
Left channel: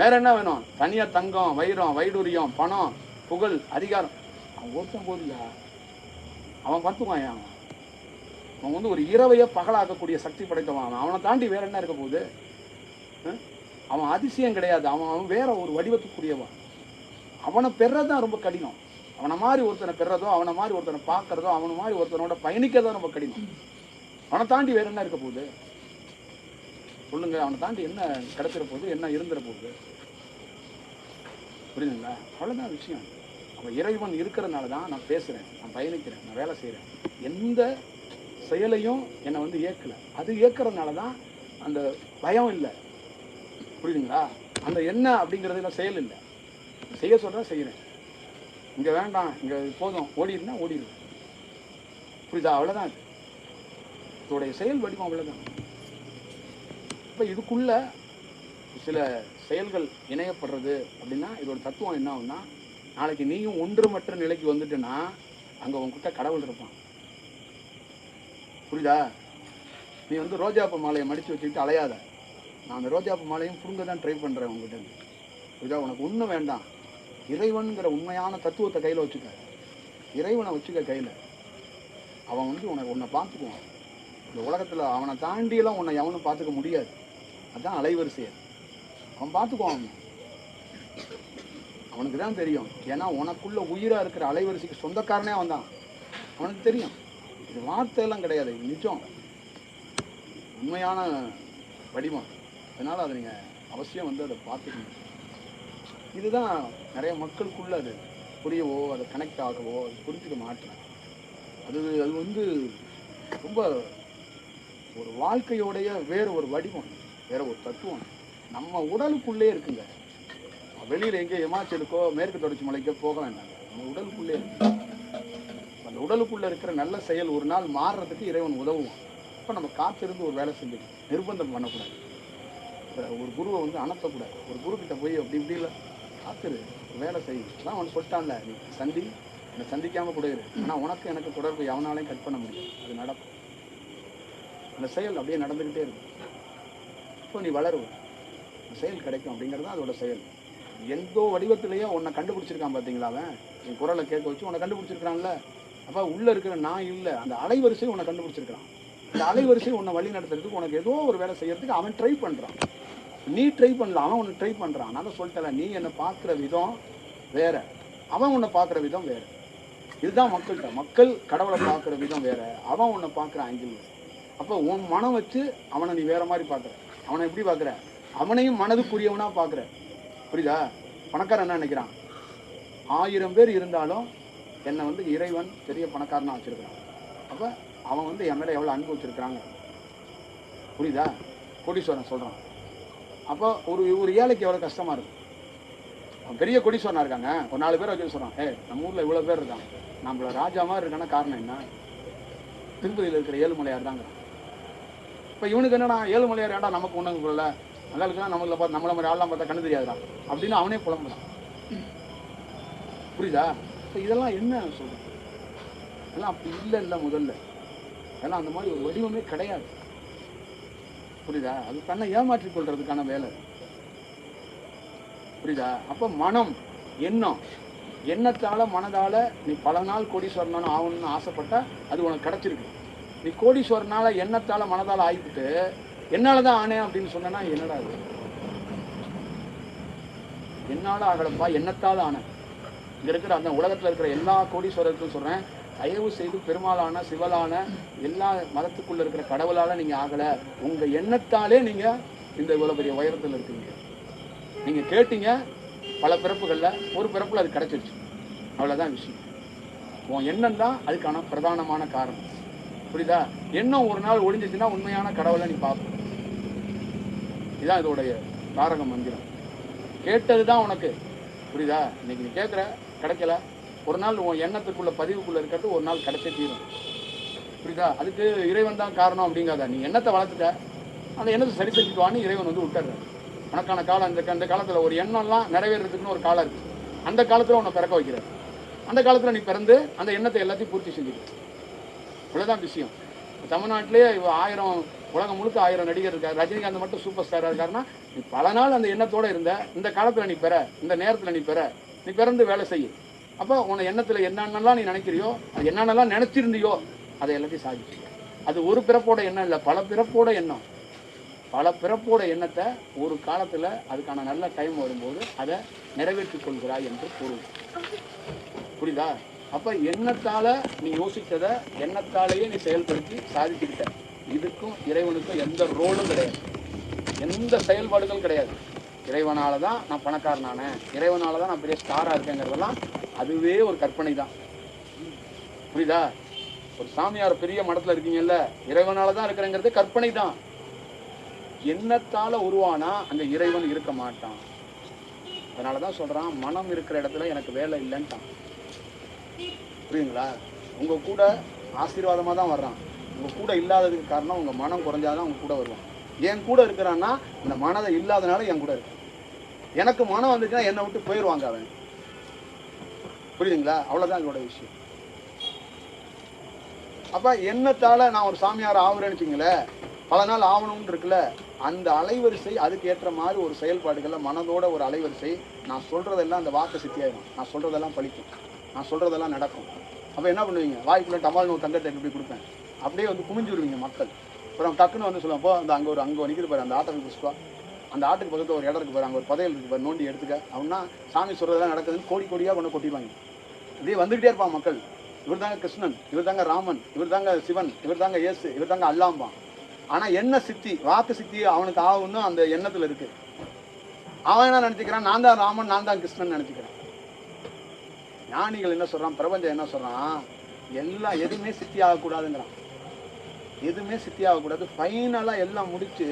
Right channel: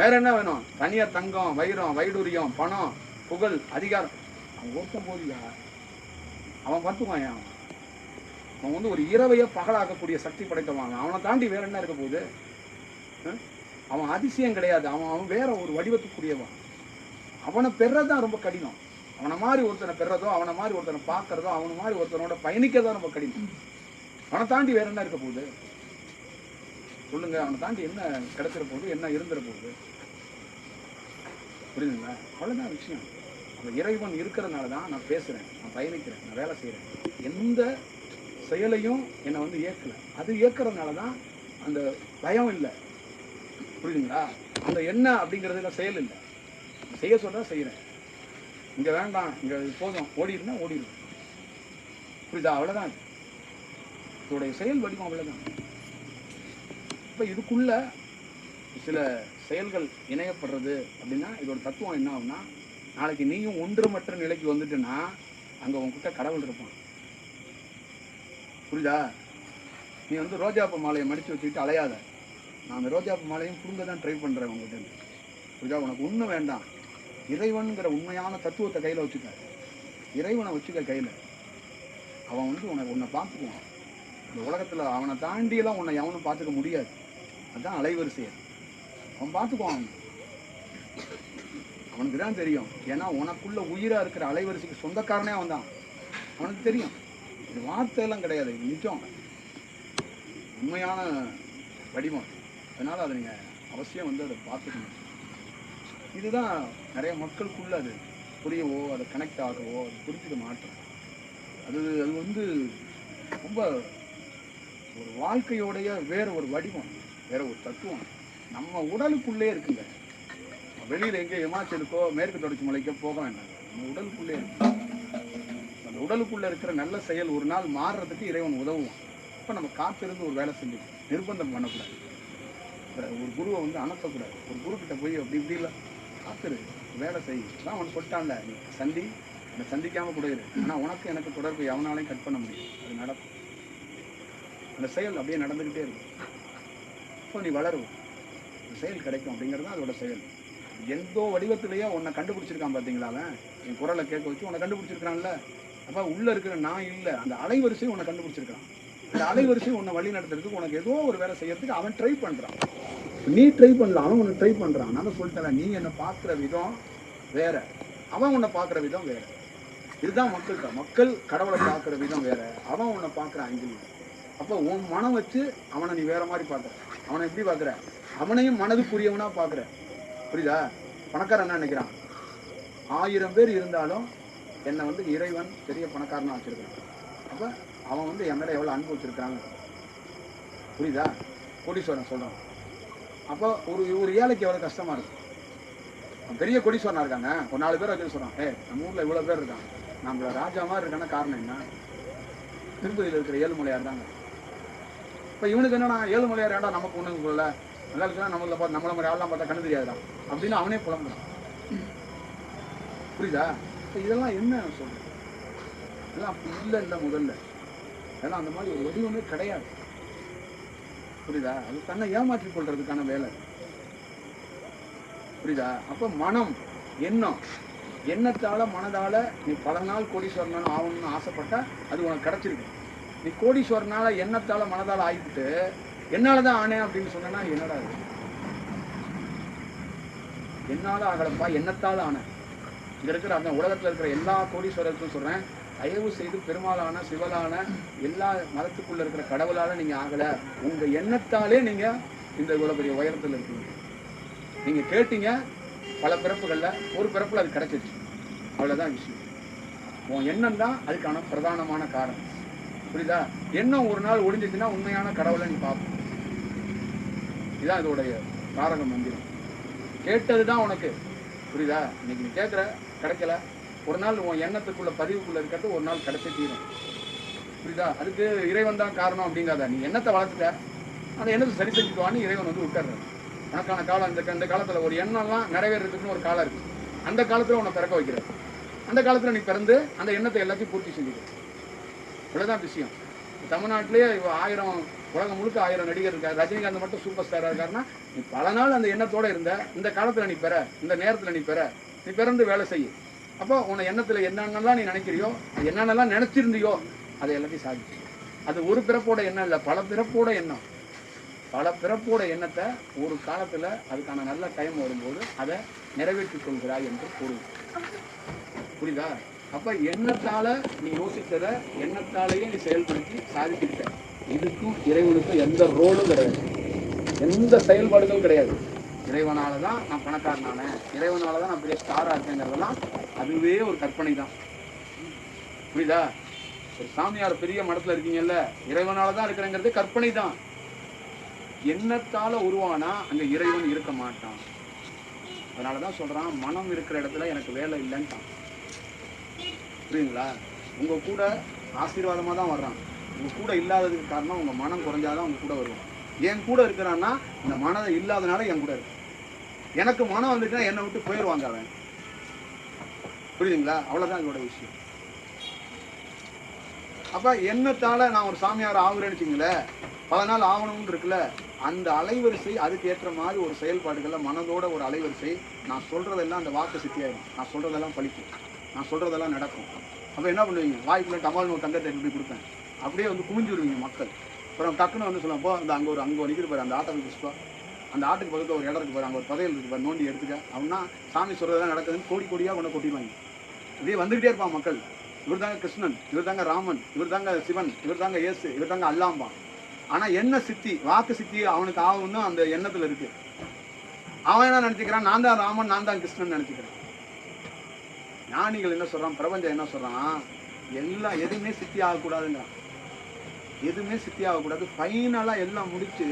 வேற என்ன வேணும்? தனியாக தங்கம், வைரம், வைடூரியம், பணம், புகழ், அதிகாரம், அவன் ஒருத்தன் போதியா, அவன் பார்த்துக்குவான். அவன் வந்து ஒரு இரவையை பகலாக்கக்கூடிய சக்தி படைத்தவன். அவனை தாண்டி வேற என்ன இருக்க போகுது? அவன் அதிசயம் கிடையாது, அவன் வேற ஒரு வடிவத்துக்குரியவன். அவனை பெறதான் ரொம்ப கடினம். அவனை மாதிரி ஒருத்தனை பெறதோ, அவனை மாதிரி ஒருத்தனை பார்க்கறதோ, அவனை மாதிரி ஒருத்தனோட பயணிக்கிறதோ ரொம்ப கடினம். அவனை தாண்டி வேற என்ன இருக்க போகுது சொல்லுங்க? அவனை தாண்டி என்ன கிடைச்சிட போகுது? என்ன இருந்துட போகுது? புரியுதுங்களா? அவ்வளோதான் விஷயம். அவன் இறைவன் இருக்கிறதுனால தான் நான் பேசுகிறேன், நான் பயணிக்கிறேன், நான் வேலை செய்கிறேன். எந்த செயலையும் என்னை வந்து இயக்கலை. அது இயக்கிறதுனால தான் அந்த பயம் இல்லை. புரியுதுங்களா? அந்த என்ன அப்படிங்கிறதுல செயல் இல்லை. செய்ய சொல்கிறேன், செய்கிறேன். இங்கே வேண்டாம், இங்கே போதும், ஓடிடுனா ஓடிடுவேன். புரியுதா? அவ்வளோதான். இது இதோடைய செயல் வடிவம் அவ்வளோதான். இப்போ இதுக்குள்ள சில செயல்கள் இணையப்படுறது அப்படின்னா இதோட தத்துவம் என்ன ஆகும்னா, நாளைக்கு நீயும் ஒன்றுமற்ற நிலைக்கு வந்துட்டுன்னா அங்கே உங்ககிட்ட கடவுள் இருப்பான். புரியுதா? நீ வந்து ரோஜாப்பூ மாலையை மடித்து வச்சுக்கிட்டு அலையாத. நான் அந்த ரோஜாப்பூ மாலையும் புடுங்க தான் ட்ரை பண்ணுறேன் உங்ககிட்ட. புரியுதா? உனக்கு ஒன்றும் வேண்டாம். இறைவன்கிற உண்மையான தத்துவத்தை கையில் வச்சுக்க. இறைவனை வச்சுக்க கையில். அவன் வந்து உன்னை பார்த்துக்குவான். இந்த உலகத்தில் அவனை தாண்டியெல்லாம் உன்னை எவனும் பார்த்துக்க முடியாது. அதுதான் அலைவரிசையை. அவன் பார்த்துக்குவான். அவனுக்கு தான் தெரியும். ஏன்னா உனக்குள்ள உயிராக இருக்கிற அலைவரிசைக்கு சொந்தக்காரனே அவன் தான். அவனுக்கு தெரியும். இது வார்த்தையெல்லாம் கிடையாது, இது நிஜம், உண்மையான வடிவம். அதனால் அதை நீங்கள் அவசியம் வந்து அதை பார்த்துக்கணும். இதுதான் நிறைய மக்களுக்குள்ள அது புரியவோ, அதை கனெக்ட் ஆகவோ, அது புரிஞ்சுக்க மாட்டேன். அது வந்து ரொம்ப ஒரு வாழ்க்கையோடைய வேற ஒரு வடிவம், வேற ஒரு தத்துவம் நம்ம உடலுக்குள்ளே இருக்குங்க. வெளியில் எங்கே ஹிமாச்சலுக்கோ மேற்கு தொடர்ச்சி மலைக்கோ போக வேண்டாங்க, நம்ம உடலுக்குள்ளே இருக்கு. அந்த உடலுக்குள்ளே இருக்கிற நல்ல செயல் ஒரு நாள் மாறுறதுக்கு இறைவன் உதவுவான். அப்போ நம்ம காத்திருந்து ஒரு வேலை செஞ்சு நிர்பந்தம் பண்ணக்கூடாது. ஒரு குருவை வந்து அனுப்பக்கூடாது. ஒரு குரு கிட்ட போய் அப்படி இப்படி இல்லை, காத்துரு, வேலை செய் தான் அவன் சொல்லிட்டான்ல, நீ என்னை சந்திக்காமல் கூட இரு. ஆனால் உனக்கு எனக்கு தொடர்பு எவனாலையும் கட் பண்ண முடியும். அது நடக்கும். அந்த செயல் அப்படியே நடந்துக்கிட்டே இருக்கும். இப்போ நீ வளருவ, அந்த செயல் கிடைக்கும். அப்படிங்கிறது தான் அதோட செயல். எந்தோ வடிவத்திலேயே உன்னை கண்டுபிடிச்சிருக்கான் பார்த்தீங்களா? அவன் என் குரலை கேட்க வச்சு உன்னை கண்டுபிடிச்சிருக்கான்ல. அப்போ உள்ளே இருக்கிற நான் இல்லை, அந்த அலைவரிசையும் உன்னை கண்டுபிடிச்சிருக்கான். இந்த அலைவரிசை உன்னை வழி நடத்துறதுக்கு, உனக்கு ஏதோ ஒரு வேலை செய்யறதுக்கு அவன் ட்ரை பண்ணுறான். நீ ட்ரை பண்ணலாம், அவன் உன்னை ட்ரை பண்ணுறான். நான் சொல்லிட்டல, நீ என்னை பார்க்குற விதம் வேற, அவன் உன்னை பார்க்குற விதம் வேற. இதுதான் மக்கள்கிட்ட. மக்கள் கடவுளை பார்க்குற விதம் வேற, அவன் உன்னை பார்க்குற ஆங்கிள். அப்போ உன் மனம் வச்சு அவனை நீ வேற மாதிரி பார்க்குற. அவனை எப்படி பார்க்குற? அவனையும் மனதுக்குரியவனா பார்க்குற. புரியுதா? பணக்காரன் என்ன நினைக்கிறான்? 1000 பேர் இருந்தாலும் என்னை வந்து இறைவன் பெரிய பணக்காரனா வச்சிருக்கிறான். அப்போ அவன் வந்து என் மேலே எவ்வளோ அன்பு வச்சிருக்கிறாங்க. புரியுதா? கோடீஸ்வரன் சொல்கிறான். அப்போ ஒரு ஏழைக்கு எவ்வளோ கஷ்டமாக இருக்கும். அவன் பெரிய கோடீஸ்வரனாக இருக்காங்க, ஒரு 4 பேர் வச்சு சொல்கிறான், நம்ம ஊரில் இவ்வளோ பேர் இருக்காங்க, நம்மள ராஜா மாதிரி இருக்கான காரணம் என்ன? திருப்பதியில் இருக்கிற ஏழுமலையார் தாங்க. இப்போ இவனுக்கு என்னன்னா, ஏழுமலையார் ஏண்டா நமக்கு ஒன்றும் சொல்லலை, நல்லா இருக்கலாம், நம்மளை மாதிரி ஆள்லாம் பார்த்தா கண்ணு தெரியாதுடா அப்படின்னு அவனே புலம்புறான். புரியுதா? இப்போ இதெல்லாம் என்ன சொல்கிறேன்? இதெல்லாம் அப்படி இல்லை முதல்ல. அதெல்லாம் அந்த மாதிரி ஒரு வடிவமே கிடையாது. புரியுதா? அது தன்னை ஏமாற்றிக் கொள்றதுக்கான வேலை. புரியுதா? அப்போ மனம், எண்ணத்தால மனதால நீ பல நாள் கோடீஸ்வரனாலும் ஆகணும்னு ஆசைப்பட்டா அது உனக்கு கிடைச்சிருக்கு. நீ கோடீஸ்வரனால எண்ணத்தால மனதால ஆகிவிட்டு என்னாலதான் ஆனேன் அப்படின்னு சொன்னா என்னடா இது? என்னால ஆகலப்பா, எண்ணத்தால ஆனேன். இங்க இருக்கிற அந்த உலகத்துல இருக்கிற எல்லா கோடீஸ்வரருக்கும் சொல்றேன், தயவு செய்து பெருமாளான, சிவலான, எல்லா மதத்துக்குள்ள இருக்கிற கடவுளால நீங்க ஆகல, உங்க எண்ணத்தாலே நீங்க இந்த இவ்வளவு பெரிய உயரத்துல இருக்கீங்க. நீங்க கேட்டீங்க பல பிறப்புகள்ல, ஒரு பிறப்புல அது கிடைச்சிருச்சு. அவ்வளவுதான் விஷயம். உன் எண்ணம் தான் அதுக்கான பிரதானமான காரணம். புரியுதா? எண்ணம் ஒரு நாள் ஒழிஞ்சிச்சுன்னா உண்மையான கடவுளை நீ பார்ப்ப. இதுதான் இதோடைய தாரக மந்திரம். கேட்டதுதான் உனக்கு. புரியுதா? இன்னைக்கு நீ கேட்குற, கிடைக்கல, ஒரு நாள் உன் எண்ணத்துக்குள்ள பதிவுக்குள்ள இருக்கிறது ஒரு நாள் கிடைச்சே தீரும். புரியுதா? அதுக்கு இறைவன் தான் காரணம் அப்படிங்காத. நீ எண்ணத்தை வளர்த்துட்ட, அந்த எண்ணத்தை சரி செஞ்சுக்குவான்னு இறைவன் வந்து விட்டுற. உனக்கான காலம் அந்த காலத்தில் ஒரு எண்ணம்லாம் நிறைவேறதுக்குன்னு ஒரு காலம் இருக்கு. அந்த காலத்தில் உன்னை பிறக்க வைக்கிறார். அந்த காலத்தில் நீ பிறந்து அந்த எண்ணத்தை எல்லாத்தையும் பூர்த்தி செஞ்சுக்கிற. இவ்வளோதான் விஷயம். தமிழ்நாட்டிலேயே 1000 உலகம் முழுக்க 1000 நடிகர் இருக்கார். ரஜினிகாந்த் மட்டும் சூப்பர் ஸ்டாராக இருக்காருன்னா நீ பல நாள் அந்த எண்ணத்தோடு இருந்த, இந்த காலத்தில் நீ பெற, இந்த நேரத்தில் நீ பெற, நீ பிறந்து வேலை செய்ய. அப்போ உன்னை எண்ணத்தில் என்னென்னலாம் நீ நினைக்கிறியோ, அது என்னென்னலாம் நினச்சிருந்தியோ அதை எல்லாத்தையும் சாதிச்சு. அது ஒரு பிறப்போட எண்ணம் இல்லை, பல பிறப்போட எண்ணம். பல பிறப்போட எண்ணத்தை ஒரு காலத்தில் அதுக்கான நல்ல டைம் வரும்போது அதை நிறைவேற்றிக் கொள்கிறாய் என்று பொருள். புரியுதா? அப்போ எண்ணத்தால் நீ யோசித்ததை எண்ணத்தாலேயே நீ செயல்படுத்தி சாதிச்சுக்கிட்ட. இதுக்கும் இறைவனுக்கும் எந்த ரோலும் கிடையாது, எந்த செயல்பாடுகளும் கிடையாது. இறைவனால தான் நான் பணக்காரனானேன், இறைவனால தான் நான் பெரிய ஸ்டாராக இருக்கேங்கிறதெல்லாம் அதுவே ஒரு கற்பனை தான். புரியுதா? ஒரு சாமியார் பெரிய மடத்தில் இருக்கீங்கல்ல, இறைவனால தான் இருக்கிறேங்கிறது கற்பனை தான். எண்ணத்தால் உருவானா அங்கே இறைவன் இருக்க மாட்டான். அதனால தான் சொல்கிறான், மனம் இருக்கிற இடத்துல எனக்கு வேலை இல்லைன்ட்டான். புரியுங்களா? உங்கள் கூட ஆசீர்வாதமாக தான் வர்றான். உங்கள் கூட இல்லாததுக்கு காரணம் உங்கள் மனம் குறைஞ்சாதான் உங்கள் கூட வருவான். என் கூட இருக்கிறான்னா அந்த மனதை இல்லாதனால என் கூட இருக்கு. எனக்கு மனம் வந்துச்சுன்னா என்னை விட்டு போயிடுவாங்க அவன். புரியுதுங்களா? அவ்வளோதான் இதோட விஷயம். அப்போ எண்ணத்தால் நான் ஒரு சாமியார் ஆகுறேன்னு வச்சுங்களேன், பல நாள் ஆகணும்னு இருக்குல்ல, அந்த அலைவரிசை அதுக்கு ஏற்ற மாதிரி ஒரு செயல்பாடுகளில் மனதோட ஒரு அலைவரிசை. நான் சொல்கிறதெல்லாம் அந்த வாக்கு சித்தியாயிடும், நான் சொல்கிறதெல்லாம் பழிக்கும், நான் சொல்கிறதெல்லாம் நடக்கும். அப்போ என்ன பண்ணுவீங்க? வாய்க்குள்ளே டமால்னு ஒரு தங்கத்தை எப்படி கொடுப்பேன், அப்படியே வந்து குமிஞ்சுருவீங்க மக்கள். அப்புறம் டக்குன்னு வந்து சொல்லுவோம், போ அந்த அங்கே நிற்கிது பாரு, அந்த ஆட்டை பிடிச்சிப்பா, அந்த ஆட்டுக்கு பக்கத்தில் ஒரு இடம் இருக்குது பாரு, அங்கே ஒரு புதையல் இருக்குது பாரு, நோண்டி எடுத்துக்க அப்படின்னா சாமி சொல்கிறதெல்லாம் நடக்குதுன்னு கோடி கோடியாக கொண்டு கொட்டிடுவாங்க. அப்படியே வந்துக்கிட்டே இருப்பான் மக்கள். இவர் தாங்க கிருஷ்ணன், இவர் தாங்க ராமன், இவர் தாங்க சிவன், இவர் தாங்க இயேசு, இவர் தாங்க அல்லாம்பான். ஆனால் என்ன சித்தி, வாக்கு சித்தி அவனுக்கு ஆகுன்னு அந்த எண்ணத்தில் இருக்குது. அவன் என்ன நினச்சிக்கிறான்? நான் தான் ராமன், நான் தான் கிருஷ்ணன் நினச்சிக்கிறேன். ஞானிகள் என்ன சொல்கிறான், பிரபஞ்சம் என்ன சொல்கிறான், எல்லாம் எதுவுமே சித்தி ஆகக்கூடாதுங்கிறான். எதுவுமே சித்தி ஆகக்கூடாது, ஃபைனலாக எல்லாம் முடிச்சு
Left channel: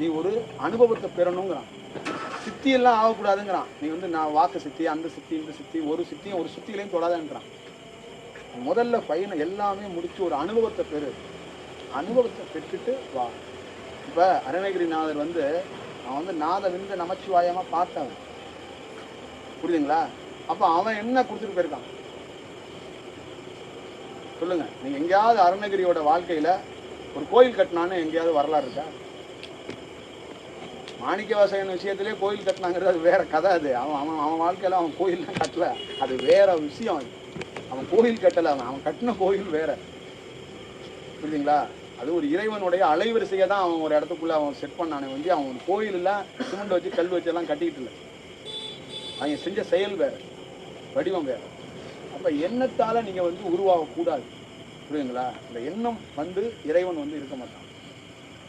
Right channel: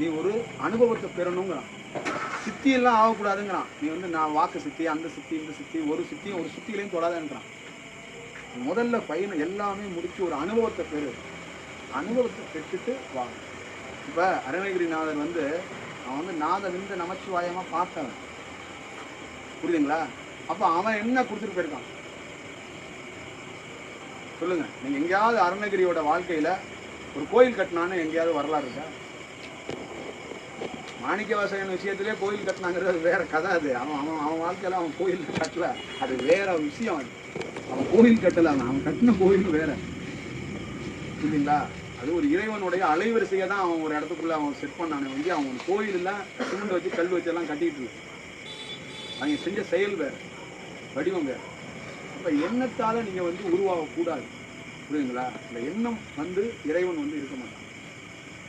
நீ ஒரு அனுபவத்தை பெறணுங்கிறான். சித்தி எல்லாம் ஆகக்கூடாதுங்கிறான். நீ வந்து நான் வாக்கு சித்தி, அந்த சித்தி, இந்த சித்தி, ஒரு சித்தியும் ஒரு சுத்தியிலையும் தொடாதேன்றான். முதல்ல ஃபைனல் எல்லாமே முடிச்சு ஒரு அனுபவத்தை பெறு, அனுபவத்தை பெற்றுட்டு வா. இப்போ அருணகிரிநாதர் வந்து அவன் வந்து நாத விந்து நமச்சிவாயமாக பார்த்தவன். புரியுதுங்களா? அப்போ அவன் என்ன கொடுத்துட்டு போயிருக்கான் சொல்லுங்க. நீங்கள் எங்கேயாவது அருணகிரியோட வாழ்க்கையில் ஒரு கோயில் கட்டினான்னு எங்கேயாவது வரலாறு இருக்கா? மாணிக்கவாசகன் விஷயத்திலே கோயில் கட்டினாங்கிறது அது வேற கதை. அது அவன் வாழ்க்கையில் அவன் கோயில் கட்டல, அது வேற விஷயம். அவன் கோயில் கட்டலை, அவன் கட்டின கோயில் வேற. புரியுதுங்களா? அது ஒரு இறைவனுடைய அலைவரிசையை தான் அவன் ஒரு இடத்துக்குள்ளே அவன் செட் பண்ணானே வந்து அவன் கோயிலெல்லாம் சிமெண்ட் வச்சு கல் வச்செல்லாம் கட்டிக்கிட்டு இல்லை. அவங்க செஞ்ச செயல் வேறு, வடிவம் வேறு. அப்போ எண்ணத்தால் நீங்கள் வந்து உருவாகக்கூடாது. புரியுதுங்களா? அந்த எண்ணம் வந்து இறைவன் வந்து இருக்க மாட்டான்.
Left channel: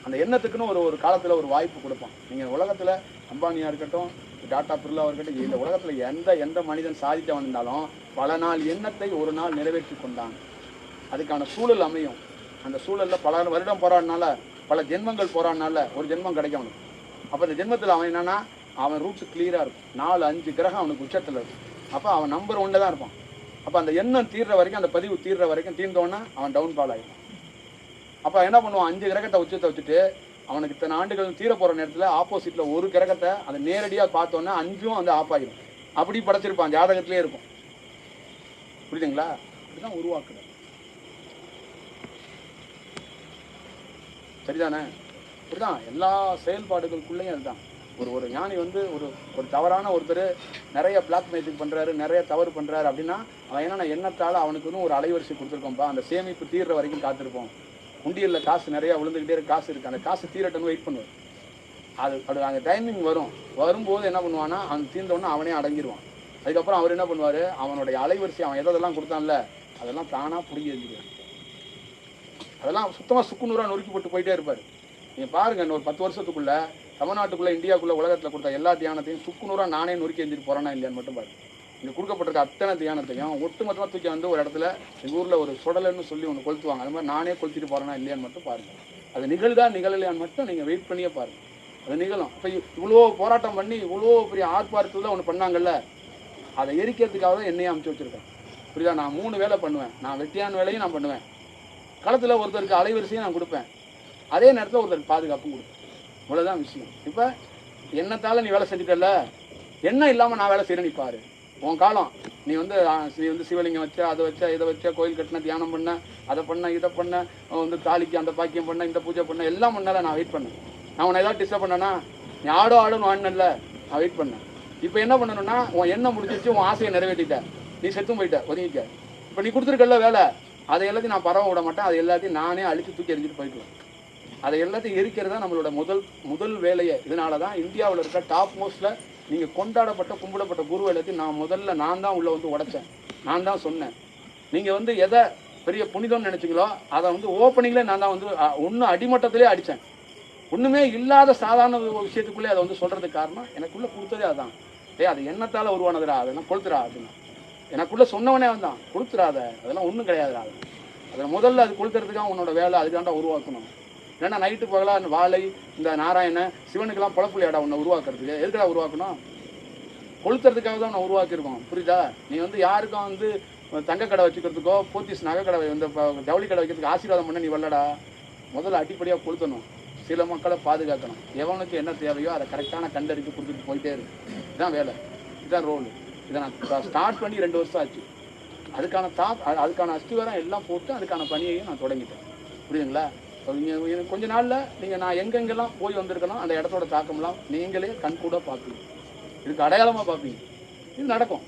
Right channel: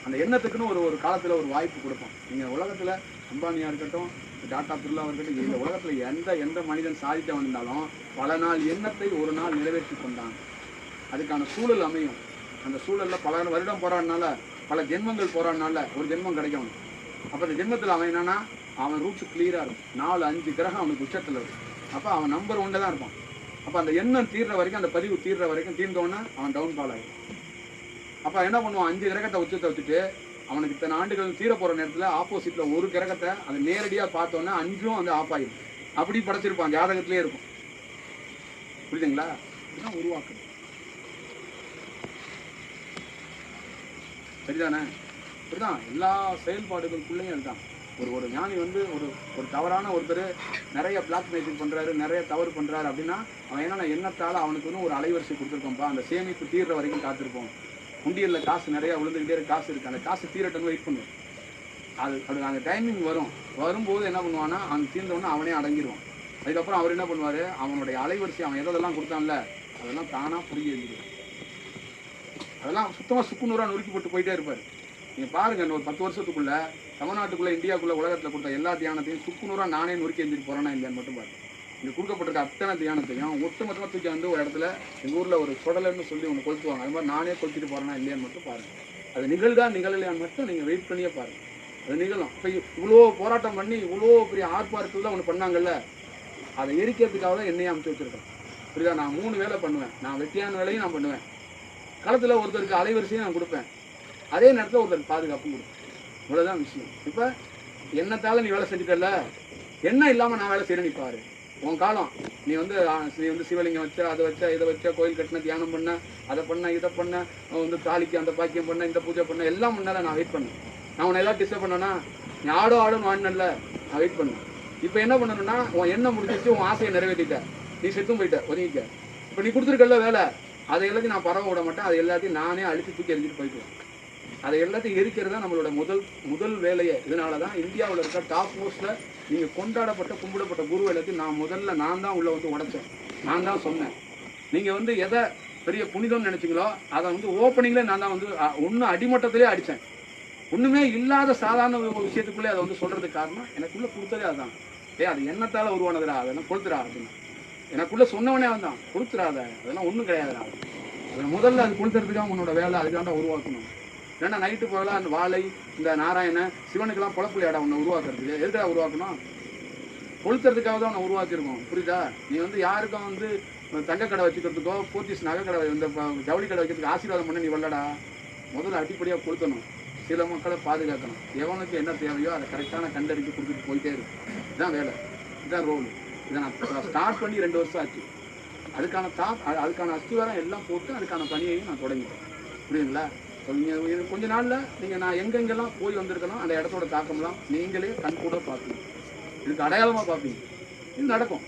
அந்த எண்ணத்துக்குன்னு ஒரு காலத்தில் ஒரு வாய்ப்பு கொடுப்பான். நீங்கள் உலகத்தில் அம்பானியாக இருக்கட்டும், டாட்டா பிர்லாவாக இருக்கட்டும், இந்த உலகத்தில் எந்த மனிதன் சாதித்தவன் இருந்தாலும் பல நாள் எண்ணத்தை ஒரு நாள் நிறைவேற்றி கொண்டான். அதுக்கான சூழல் அமையும். அந்த சூழலில் பல வருடம் போராடினால, பல ஜென்மங்கள் போராடினால ஒரு ஜென்மம் கிடைக்கும் அவனுக்கு. அப்போ அந்த ஜென்மத்தில் அவன் என்னன்னா, அவன் ரூட்ஸ் கிளியராக இருக்கும். 4-5 கிரகம் அவனுக்கு உச்சத்தில் இருக்கும். அப்போ அவன் நம்பர் 1 தான் இருப்பான். அப்போ அந்த எண்ணம் தீர்ற வரைக்கும், அந்த பதிவு தீர்ற வரைக்கும், தீர்ந்தோன்னா அவன் டவுன் ஃபால் ஆகிடும். அப்போ என்ன பண்ணுவான், 5 கிரகத்தை உச்சத்தை வச்சுட்டு அவனுக்கு இத்தனை ஆண்டுகள் தீர போகிற நேரத்தில் ஆப்போசிட்டில் ஒரு கிரகத்தை அதை நேரடியாக பார்த்தோன்னா 5ம் வந்து ஆஃப் ஆகிடும். அப்படி படைச்சிருப்பான், ஜாதகத்திலே இருக்கும். புரியுதுங்களா? இதுதான் உருவாக்குறது. சரிதானே? இப்படிதான் எல்லா செயல்பாடுகளுக்குள்ளேயும் அதுதான். ஒரு ஞானி வந்து ஒரு தவறான ஒருத்தர் நிறைய பிளாக் மெயிலிங் பண்ணுறாரு, நிறைய தவறு பண்ணுறாரு அப்படின்னா அவன் என்னென்ன எண்ணத்தால் அவனுக்குன்னு ஒரு அலைவரிசை கொடுத்துருக்கோம்ப்பா, அந்த சேமிப்பு தீர்ற வரைக்கும் காத்திருப்போம். உண்டியலில் காசு நிறையா விழுந்துக்கிட்டே இருக்கு, காசு இருக்குது, அந்த காசு தீரட்டுன்னு வெயிட் பண்ணுவான். அது அந்த டைமிங் வரும்போது என்ன பண்ணுவான்னா, அந்த தீர்ந்தவொன்னே அவனே அடங்கிடுவான். அதுக்கப்புறம் அவர் என்ன பண்ணுவார், அவனுடைய அலைவரிசை அவன் எதெல்லாம் கொடுத்தான்ல அதெல்லாம் தானாக பிடிங்கி எழுதிடுவான். அதெல்லாம் சுத்தமாக சுக்குநூறாக நொறுக்கி போட்டு போயிட்டே இருப்பார். நீங்கள் பாருங்கள், இன்னொரு 10 வருஷத்துக்குள்ளே தமிழ்நாட்டுக்குள்ளே, இந்தியாவுக்குள்ளே, உலகத்தில் கொடுத்த எல்லா தியானத்தையும் சுக்குநூறாக நானே நொறுக்கி எழுந்திட்டு போகிறேன்னா இல்லையான்னு மட்டும் பாருங்க. இங்கே கொடுக்கப்பட்டிருக்க அத்தனை தியானத்தையும் ஒட்டுமொத்தமாக தூக்கி வந்து ஒரு இடத்துல எங்கள் ஊரில் ஒரு சுடலைன்னு சொல்லி ஒன்று கொளுத்துவாங்க. அது மாதிரி நானே கொளுத்திட்டு போகிறேன்னா இல்லையான்னு மட்டும் பாருங்கள். அது நிகழ்தா நிகழலையான்னு மட்டும் நீங்கள் வெயிட் பண்ணியே பாருங்கள். அது நிகழும். இப்போ இவ்வளோ போராட்டம் பண்ணி இவ்வளோ பெரிய ஆர்ப்பாட்டத்தில் ஒன்று பண்ணாங்கல்ல, அதை எரிக்கிறதுக்காக தான் என்னையே அமுச்சு வச்சுருக்கேன். புரியுதா? நான் 3 வேலை பண்ணுவேன். நான் வெட்டியான வேலையும் நான் பண்ணுவேன். களத்தில் ஒருத்தருக்கு அலைவரிசையும் நான் கொடுப்பேன், அதே நேரத்தில் ஒருத்தருக்கு பாதுகாப்பும் கொடுப்பேன். இவ்வளோதான் விஷயம். இப்போ எண்ணத்தால் நீ வேலை செஞ்சுட்டல, எண்ணம் இல்லாமல் நான் வேலை செய்கிறேன்னு பாரு. உன் காலம். நீ வந்து சிவலிங்கம் வச்ச, அதை வச்ச, இதை வச்ச, கோயில் கட்டின, தியானம் பண்ண, அதை பண்ண, இதை பண்ண, வந்து தாலிக்கு அந்த பாக்கியம் பண்ண, இந்த பூஜை பண்ண, எல்லாம் பண்ணல. நான் வெயிட் பண்ணேன். நான் உன்னை ஏதாவது டிஸ்டர்ப் பண்ணேன்னா, நீ ஆடுன்னு வாடினல, நான் வெயிட் பண்ணேன். இப்போ என்ன பண்ணணும்னா, உன் எண்ணம் முடிச்சிச்சு, உன் ஆசையை நிறைவேற்றிட்ட, நீ செத்தும் போயிட்ட, ஒதுங்கிக்க. இப்போ நீ கொடுத்துருக்கல வேலை, அதை எல்லாத்தையும் நான் பரவ விட மாட்டேன். அதை எல்லாத்தையும் நானே அழிச்சு தூக்கி எரிஞ்சிட்டு போயிடுவேன். அதை எல்லாத்தையும் எரிக்கிறது தான் நம்மளோட முதல் வேலையை. இதனால தான் இந்தியாவில் இருக்க டாப் மோஸ்ட்டில் நீங்கள் கொண்டாடப்பட்ட கும்பிடப்பட்ட குரு எல்லாத்தையும் நான் தான் உள்ளே வந்து உடைச்சேன். நான் தான் சொன்னேன். நீங்கள் வந்து எதை பெரிய புனிதம்னு நினச்சிங்களோ அதை வந்து ஓப்பனிங்லேயே நான் தான் வந்து ஒன்றும் அடிமட்டத்திலே அடித்தேன். ஒன்றுமே இல்லாத சாதாரண ஒரு விஷயத்துக்குள்ளே அதை வந்து சொல்கிறதுக்கு காரணம் எனக்குள்ளே கொடுத்ததே அதுதான். அது எண்ணத்தால் உருவானதுடா, அதெல்லாம் கொளுத்துறா அப்படின்னு எனக்குள்ளே சொன்னவனே வந்தான். கொடுத்துறாத, அதெல்லாம் ஒன்றும் கிடையாதுடா. அதில் முதல்ல அது கொடுத்துறதுக்காக உன்னோட வேலை அதுக்காண்டா உருவாக்கணும். ஏன்னா நைட்டு போகலாம் வாழை இந்த நாராயண சிவனுக்கெல்லாம் பொழப்புலையாடா உன்னை உருவாக்குறதுக்கு. எதுக்கடா உருவாக்கணும்? கொளுத்துறதுக்காக தான் உன்னை உருவாக்கியிருக்கோம். புரியுதா? நீ வந்து யாருக்கும் வந்து தங்க கடை வச்சுக்கிறதுக்கோ போத்தீஸ் நகை கடை இந்த ஜவுளி கடை வைக்கிறதுக்கு ஆசீர்வாதம் பண்ண நீ வரலடா. முதல்ல அடிப்படையாக கொடுத்தணும். சில மக்களை பாதுகாக்கணும். எவனுக்கு என்ன தேவையோ அதை கரெக்டான கண்டறிஞ்சு கொடுத்துட்டு போயிட்டே இருக்கு. இதுதான் வேலை, இதுதான் ரோல். இதை நான் ஸ்டார்ட் பண்ணி 2 வருஷம் ஆச்சு. அதுக்கான அஸ்திவாரம் எல்லாம் போட்டு அதுக்கான பணியையும் நான் தொடங்கிட்டேன். புரியுதுங்களா? கொஞ்ச நாளில் நீங்கள் நான் எங்கெங்கெல்லாம் போய் வந்திருக்கலாம் அந்த இடத்தோட தாக்கம்லாம் நீங்களே கண் கூட பார்ப்பீங்க. இதுக்கு அடையாளமாக பார்ப்பீங்க. இது நடக்கும்.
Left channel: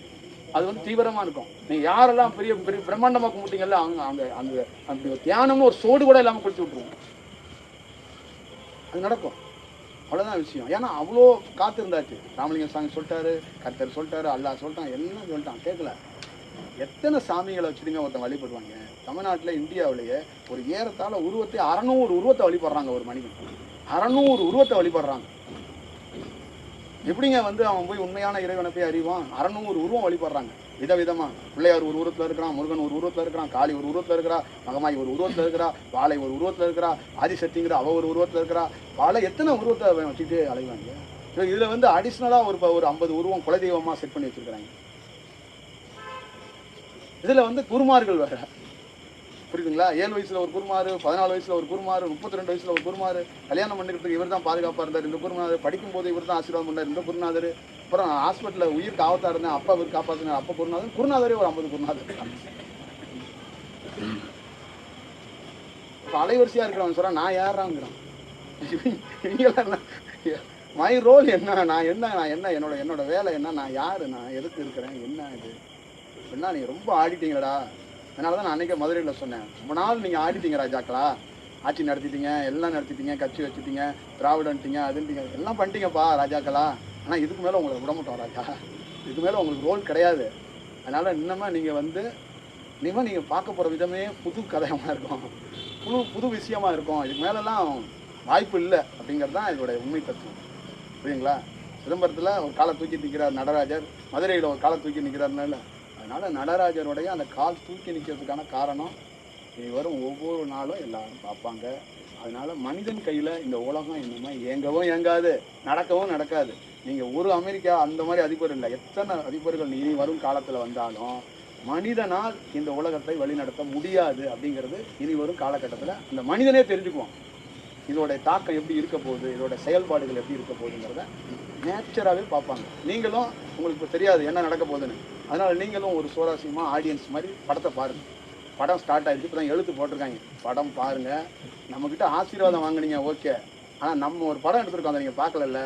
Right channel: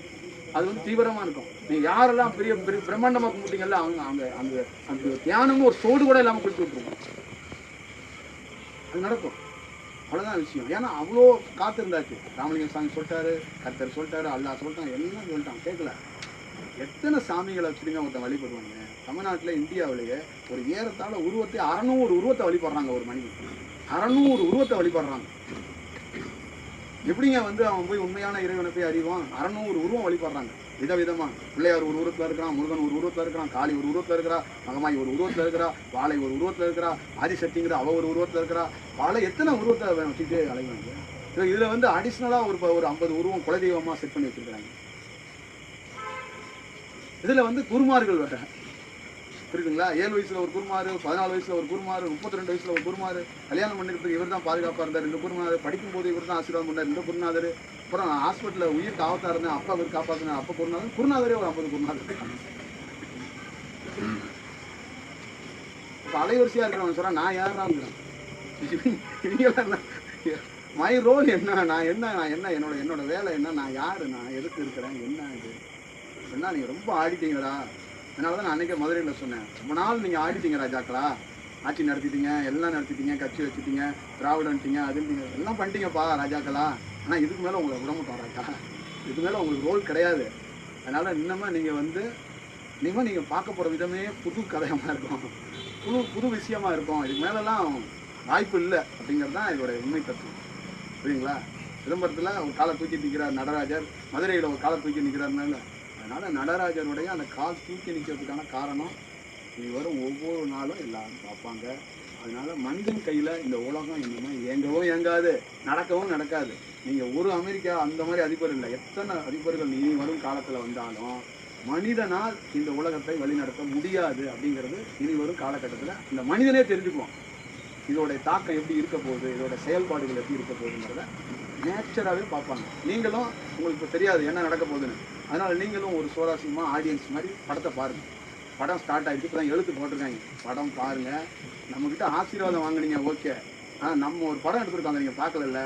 அது வந்து தீவிரமாக இருக்கும். நீங்கள் யாரெல்லாம் பெரிய பெரிய பிரம்மாண்டமாக கும்பிட்டீங்கல்ல அவங்க அந்த அந்த தியானம்னு ஒரு சோடு கூட இல்லாமல் கொடுத்து விட்ருவோம். அது நடக்கும். அவ்வளோதான் விஷயம். ஏன்னா அவ்வளோ காத்திருந்தாச்சு. ராமலிங்க சாமி சொல்லிட்டாரு, கர்த்தர் சொல்லிட்டாரு, அல்லா சொல்லிட்டான், எல்லாம் சொல்லிட்டான். கேட்கல. எத்தனை சாமிகளை வச்சுருங்க ஒருத்தன் வழிபடுவாங்க. தமிழ்நாட்டில் இந்தியாவிலேயே ஒரு ஏறத்தாழ 600 உருவத்தை வழிபடுறாங்க. ஒரு மனிதன் 600 உருவத்தை வழிபடுறாங்க. எப்படிங்க வந்து அவன் போய் உண்மையான இறைவனை போய் அறிவான்? 600 உருவம் வழிபடுறாங்க விதவிதமாக. பிள்ளையார் ஒரு உருவத்தில் இருக்கிறான், முருகன் ஒரு உருவத்தில் இருக்கிறான், காளி ஒரு உருவத்தில் இருக்கிறா, மகமாய் ஒரு உருவத்தில் இருக்கிறா, வாழை ஒரு உருவத்தில் இருக்கிறா, ஆதிசக்திங்கிற அவ ஒரு உருவத்தில் இருக்கிறா. வாழை எத்தனை உருவத்தை வச்சுட்டு அலைவாங்க. இதில் வந்து அடிஷ்னலாக ஒரு 50 உருவம் குலதெய்வமாக செட் பண்ணி வச்சுருக்கிறாங்க. இதில் வந்து குருமார்கள் வேறு. புரியுதுங்களா? 7 வயசில் ஒரு குருமார், 14 வயசில் ஒரு குருமார், 32 வயசில் ஒரு குருமார், கல்யாணம் பண்ணிக்கிறதுக்கு இவர் தான் பாதுகாப்பாக இருந்தார் இந்த குருநாதர், படிக்கும்போது இவர் தான் ஆசீர்வாதம் பண்ணார் இந்த குருநாதர், அப்புறம் ஹாஸ்பிட்டலில் உயிருக்கு ஆபத்தாக இருந்தேன் அப்பா இவர் காப்பாற்றினார் அப்போ குருநாதரே ஒரு 50 குருநாதர் இருக்காங்க. இப்போ அலைவரிசையாக இருக்கிறவங்க சொல்கிறான் நான் யாராங்கிறான். இவங்கெல்லாம் என்ன மை ரோல் என்ன, நான் என்ன என்னோட வேலை என்ன, நான் யார், நான் எதுக்கு இருக்கிறேன், என்ன இது என்ன. நீங்கள் ரொம்ப ஆடிட்டீங்களா. அதனால தான் நான் அன்றைக்கி மதுரையில் சொன்னேன், ரொம்ப நாள் நீங்கள் ஆடிட்டீங்க ராஜாக்களா, ஆட்சி நடத்திட்டீங்க, எல்லாம் நடத்திட்டீங்க, கட்சி வச்சுட்டீங்க, திராவிடன்ட்டீங்க, அதுன்ட்டீங்க, எல்லாம் பண்ணிட்டீங்கப்பா ராஜாக்களா. ஆனால் இதுக்கு மேலே உங்களை விட மாட்டோம் ராஜா, இதுக்கு மேலே உங்களுக்கு ரோல் கிடையாது. அதனால் இன்னமும் நீங்கள் வந்து இனிமேல் நீங்கள் பார்க்க போகிற விதமே புது கதையமாக இருக்கும், புது விஷயமாக இருக்கும். இதுக்கு மேலெல்லாம் வாய்ப்பு இல்லை அப்படிங்கிறது தான் இதோடைய உண்மை தத்துவம். புரியுங்களா? சிதம்பரத்தில் ஒரு காலை தூக்கி நிற்கிறார் நடராஜர், மதுரையில் ஒரு காலை தூக்கி நிற்கிறாருனால. அதனால் நடராஜருடைய அந்த கால் தூக்கி நிற்கிறதுக்கான காரணம் இனி வரும் ஒவ்வொரு நாளும் எல்லாரும் பார்ப்பாங்க. அதனால் மனிதன் கையில் இந்த உலகம் இன்னுமே இயங்கவும் இயங்காது, நடக்கவும் நடக்காது. நீங்கள் ஒரு அமெரிக்கா அந்த மாதிரி அதிபர் இல்லை, எத்தனை அதிபர்கள் இனி வரும் காலத்தில் வந்தாலும் மனிதனால் இந்த உலகத்தை வழிநடத்த முடியாது அப்படிங்கிறது இனி வரும் காலகட்டத்தில் இந்த மனிதனே தெரிஞ்சுக்குவான். இதோடைய தாக்கம் எப்படி இருக்க போகுது, இதோட செயல்பாடுகள் எப்படி இருக்க போகுதுங்கிறத நேச்சராகவே பார்ப்பாங்க. நீங்களும் உங்களுக்கு இப்போ தெரியாது என்ன நடக்க போகுதுன்னு, அதனால் நீங்களும் ஒரு சுவாரஸ்யமாக ஆடியன்ஸ் மாதிரி படத்தை பாருங்கள். படம் ஸ்டார்ட் ஆகிடுச்சு, இப்போ தான் எழுத்து போட்டிருக்காங்க, படம் பாருங்கள். நம்மக்கிட்ட ஆசீர்வாதம் வாங்கினீங்க ஓகே, ஆனால் நம்ம ஒரு படம் எடுத்துருக்கோம் அதை நீங்கள் பார்க்கல,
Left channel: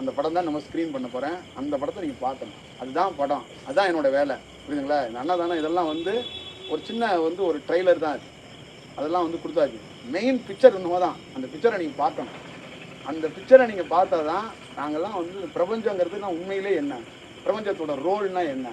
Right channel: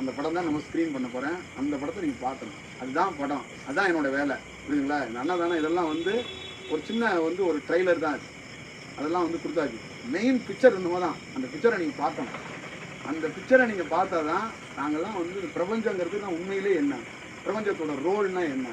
அந்த படம் தான் நம்ம ஸ்க்ரீன் பண்ண போகிறேன், அந்த படத்தை நீங்கள் பார்க்கணும். அதுதான் படம், அதுதான் என்னோடய வேலை. புரியுதுங்களா? நல்லா தானே இதெல்லாம் வந்து ஒரு சின்ன வந்து ஒரு ட்ரெய்லர் தான் அது, அதெல்லாம் வந்து கொடுத்தாச்சு. மெயின் பிக்சர் என்னமோ தான், அந்த பிக்சரை நீங்கள் பார்க்கணும். அந்த பிக்சரை நீங்கள் பார்த்தா தான் நாங்கள்லாம் வந்து பிரபஞ்சங்கிறது நான் உண்மையிலே என்ன, பிரபஞ்சத்தோட ரோல்னால் என்ன,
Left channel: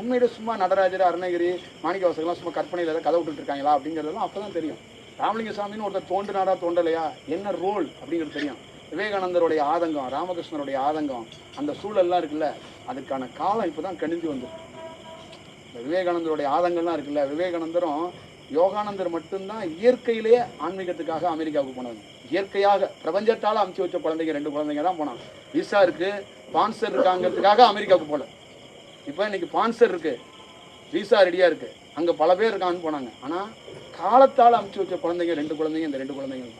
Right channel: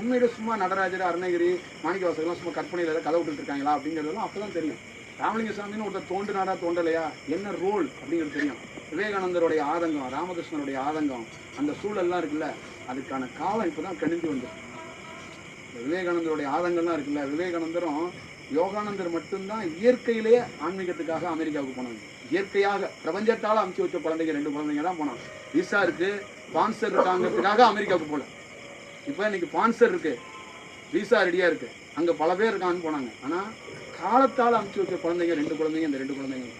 உண்மையிலே சும்மா நடராஜர் அருணகிரி மாணிக்கவாசகர்லாம் சும்மா கற்பனையில் ஏதாவது கதை விட்டுருக்காங்களா அப்படிங்கிறதெல்லாம் அப்போ தான் தெரியும். ராமலிங்க சாமின்னு ஒருத்தர் தோன்றினாரா தோன்றலையா, என்ன ரோல் அப்படிங்கிறது தெரியும். விவேகானந்தருடைய ஆதங்கம், ராமகிருஷ்ணருடைய ஆதங்கம், அந்த சூழல்லாம் இருக்குல்ல, அதுக்கான காலம் இப்போ தான் கணிந்து வந்துருக்கு. விவேகானந்தருடைய ஆதங்கம்லாம் இருக்குல்ல, விவேகானந்தரும் யோகானந்தர் மட்டும்தான் இயற்கையிலேயே ஆன்மீகத்துக்காக அமெரிக்காவுக்கு போனாங்க. இயற்கையாக பிரபஞ்சத்தால் அமுச்சு வச்ச குழந்தைங்க 2 குழந்தைங்க தான் போனாங்க. விசா இருக்குது, ஸ்பான்சர் இருக்காங்கிறதுக்காக அமெரிக்காவுக்கு போகல. இப்போ இன்றைக்கி ஸ்பான்சர் இருக்குது, விசா ரெடியாக இருக்குது, அங்கே பல பேர் இருக்காங்கன்னு போனாங்க. ஆனால் காலத்தால் அமுச்சு வச்ச குழந்தைங்க 2 குழந்தைங்க, இந்த 2 குழந்தைங்க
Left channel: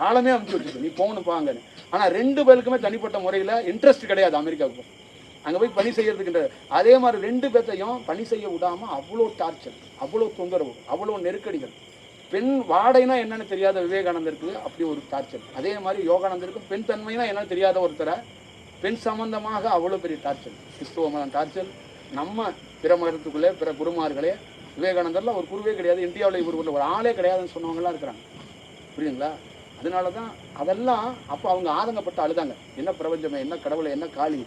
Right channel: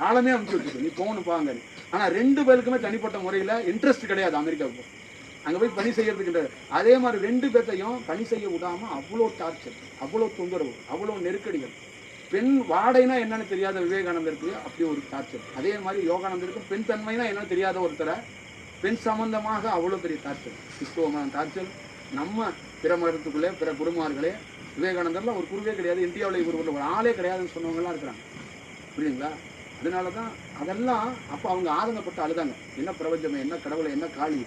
காலமே அமுச்சு வச்சுருக்கு, நீ போகணும் பாங்கன்னு. ஆனால் 2 பேருக்குமே தனிப்பட்ட முறையில் இன்ட்ரெஸ்ட் கிடையாது அமெரிக்காவுக்கு. அங்கே போய் பணி செய்யறதுக்கின்ற. அதே மாதிரி 2 பேர்த்தையும் பணி செய்ய விடாமல் அவ்வளோ டார்ச்சர், அவ்வளோ தொந்தரவு, அவ்வளோ நெருக்கடிகள். பெண் வாடைனா என்னன்னு தெரியாத விவேகானந்தருக்கு அப்படி ஒரு டார்ச்சர். அதே மாதிரி யோகானந்தருக்கு பெண் தன்மைனா என்னன்னு தெரியாத ஒருத்தரை பெண் சம்பந்தமாக அவ்வளோ பெரிய டார்ச்சர். கிறிஸ்துவ மதம் டார்ச்சர். நம்ம பிற மதத்துக்குள்ளே பிற குருமார்களே, விவேகானந்தர்லாம் ஒரு குருவே கிடையாது, இந்தியாவில் இவர் ஒரு ஆளே கிடையாதுன்னு சொன்னவங்கலாம் இருக்கிறாங்க. புரியுதுங்களா? அதனால தான் அதெல்லாம் அப்போ அவங்க ஆதங்கப்பட்டு அழுதாங்க. என்ன பிரபஞ்சமே, என்ன கடவுளை, என்ன காளி,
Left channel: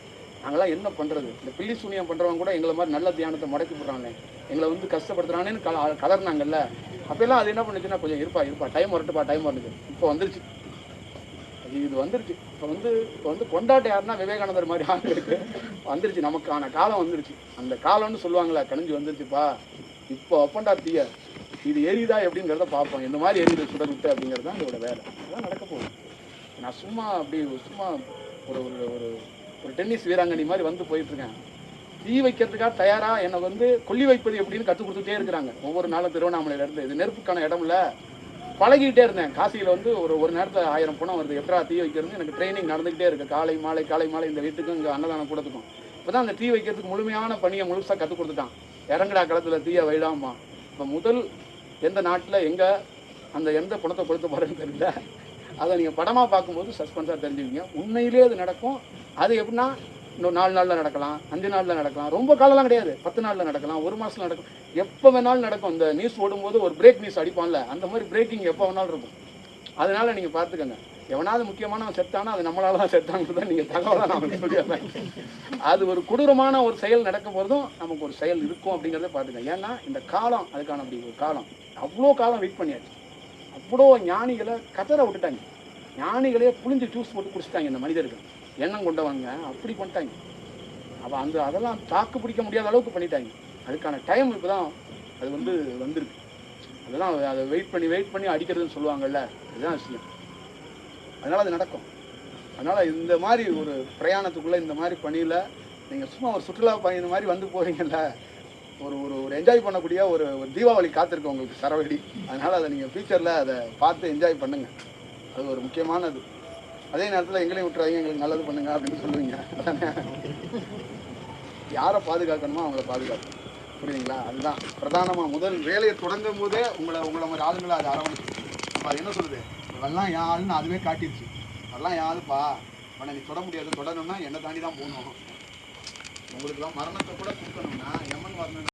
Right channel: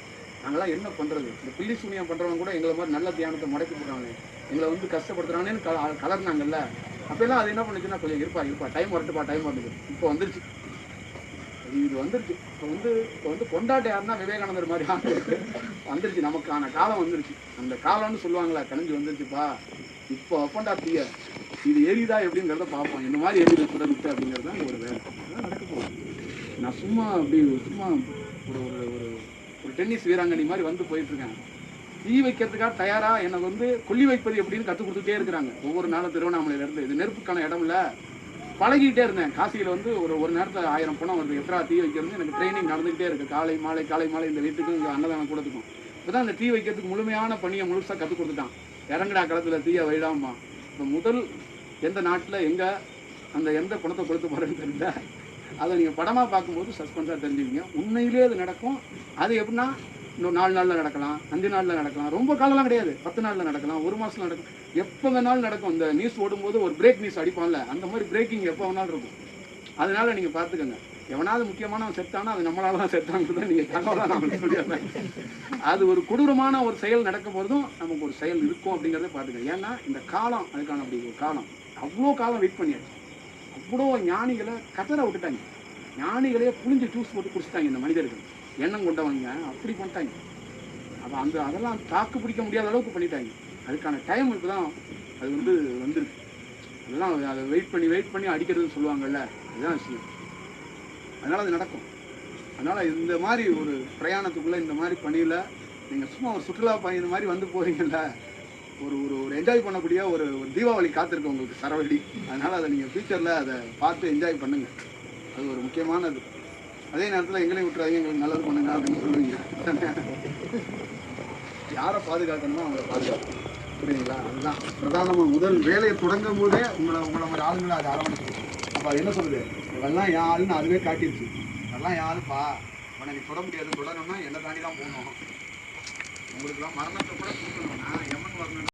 நாங்களாம் என்ன பண்ணுறது? இந்த பில்லி சூனியம் பண்ணுறவங்க கூட எங்களை மாதிரி நல்ல தியானத்தை முடக்கி போடுறாங்க, எங்களை வந்து கஷ்டப்படுத்துறாங்கன்னு கலர்னாங்கல்ல. அப்போல்லாம் அது என்ன பண்ணுச்சுன்னா, கொஞ்சம் இருப்பா டைம் வரட்டுச்சு. இப்போ வந்துருச்சு, இது வந்துருச்சு. இப்போ வந்து கொண்டாட்ட யாருன்னா விவேகானந்தர் மாதிரி ஆளுங்களுக்கு வந்துருச்சு. நமக்கான காலம் வந்துருச்சு. அந்த காலம்னு சொல்லுவாங்களா, கணிஞ்சு வந்துருச்சுப்பா. இப்போ அப்பண்டா தீய இது எரியுதா எப்படிங்கிறத பார்ப்போம். இந்த மாதிரி எரியுது சுடர் விட்டு அப்படிங்கிறது தான் உங்களோட வேலை. அதான் நடக்க போகுது. நான் சும்மா ஒரு ஒரு ஒரு டென்னிஸ் வீராங்கனி மாதிரி வந்து போயிட்டுருக்கேன். தீ வைக்கிறதுக்காக தயாராக எனக்கு வந்து கொல்லி வைப்பது எப்படின்னு கற்றுக் கொடுத்துட்டே இருக்கிறாங்க ஒவ்வொரு நாளும். திருவண்ணாமலையிலேருந்து இது நெருப்புக்கான இடம் இல்லை, பழகிட்டே இருந்தேன். காசியில் வந்து ஒரு நேரத்தில் 1000 பணம் வருது. எப்படா தீ வைக்கிறது எனக்கு ட்ரைனிங் நடந்துக்கிட்டே இருக்குது. காலை மாலை இந்த வீட்டுக்கும் இங்கே அன்னதானம் கூடத்துக்கும். இப்போ தான் அந்த தீ வைக்கிறதுக்கு முழுமையான பணியை முழுசாக கற்றுக் கொடுத்துட்டான். இறங்கடா களத்தில் தீயை வைடாமா. இப்போ முதல் எந்த நாட்டில் எங்கே அந்த எந்த குணத்தை கொடுத்து போகிறேன்னு தெரியல. அதை நீங்கள் படமாக பார்க்கும்போது சஸ்பென்ஸாக தெரிஞ்சுக்கிங்க. உண்மையிலே அது நடக்கும். அது எப்படின்னா இன்னும் 4 நாளில் நடக்கலாம், 5 நாளில் நடக்கலாம், ரொம்ப காலம்லாம் கிடையாது. 10 நாளில் நடக்கலாம், 1 மாதத்தில் நடக்கும், எப்போ வேணாலும் நடக்கும். இந்த நியூஸ் ஓடும்போது ஒரு பிரேக் நியூஸ் அடிப்பான்ல, அந்த மாதிரி பிரேக்கிங் எப்போ வேணாலும் இருக்கும். அதனால் நீங்கள் பார்த்துக்கங்க. எவனாவது முக்கியமானவன் செத்தானா அது நம்மளால தான் செத்தாங்கிறது தான் நீங்கள் தகவலாக நான் சொல்லிடுறேன். அது ஒரு கொடூரமான ஒரு செயல் நடக்கும் போதும் நமக்கு ஒரு செயல் இருக்கும் அப்படிங்கிறத பார்த்துக்கங்க. ஏன்னா இந்த காலம் அதுக்கான அப்படி ஒரு காலம். அவ்வளோ காலம் வெயிட் பண்ணியாச்சு. அவ்வளோ ஞானிகளை கதற விட்டுட்டாங்க. ஞானிகளே புளிஞ்சு ஜூஸ் போட்டு குடிச்சிட்டாங்க இந்த மனிதர்கள். எண்ணம் கொண்டவங்க அப்படி பண்ணிட்டாங்க. அப்போ அதெல்லாம் தாக்கு பிடிக்க முடியாத அளவுக்கு பண்ணிட்டாங்க. அதுக்கான டைம் இப்போ தான் அது வந்துருக்கு. அதெல்லாம் அதை வெயிட் பண்ணி அடிக்கிறதுன்னு சொல்லுவாங்கள்ல, அதுதான் விஷயம். அதனால் அது நடக்கும். அதனால் இந்த மாதிரி ஒரு பிரயாணத்துக்குள்ளே இந்த மாதிரி பணியில் நீங்கள் சும்மா ஒரு சுற்றுலா பயணம் மாதிரி வந்து போகிறீங்கல்ல, ஒரு என்ஜாய் பண்ணக்கூடிய ஒரு தீபாவளி காத்திருக்கோம் உங்களுக்கு சரவெடி. அதனால் அதை நீங்கள் ஃபியூச்சரில் அதை பார்த்து என்ஜாய் பண்ணுங்கள். அது ஒரு முக்கியமானது. அதே நேரத்தில் எங்களையும் விட்டுறாங்க, எங்களுக்கு நல்லது பண்ணுங்க அப்படின்னு சொல்லுவீங்க. யாரை பாதுகாக்கணுமோ அவங்கள பாதுகாக்கணும். புரியுதுங்களா? அதுதான் பிரதானமாக முதல் வேலையை தொடங்கும் போதே உங்களை மாதிரி ஆளுங்களை அதை அரவணைச்சு. அப்போ அது என்ன சொல்லுது, இவெல்லாம் என் ஆளுன்னு அதுவே காட்டிடுச்சு. அதெல்லாம் யாருப்பா உன்னை நீ தொட முடியாது, தொடரணும்னா என்னை தாண்டி தான் போகணும். உங்களுக்குலாம் மரணத்தை கூட கொடுக்கணும்னா எம்மன் வரணும்.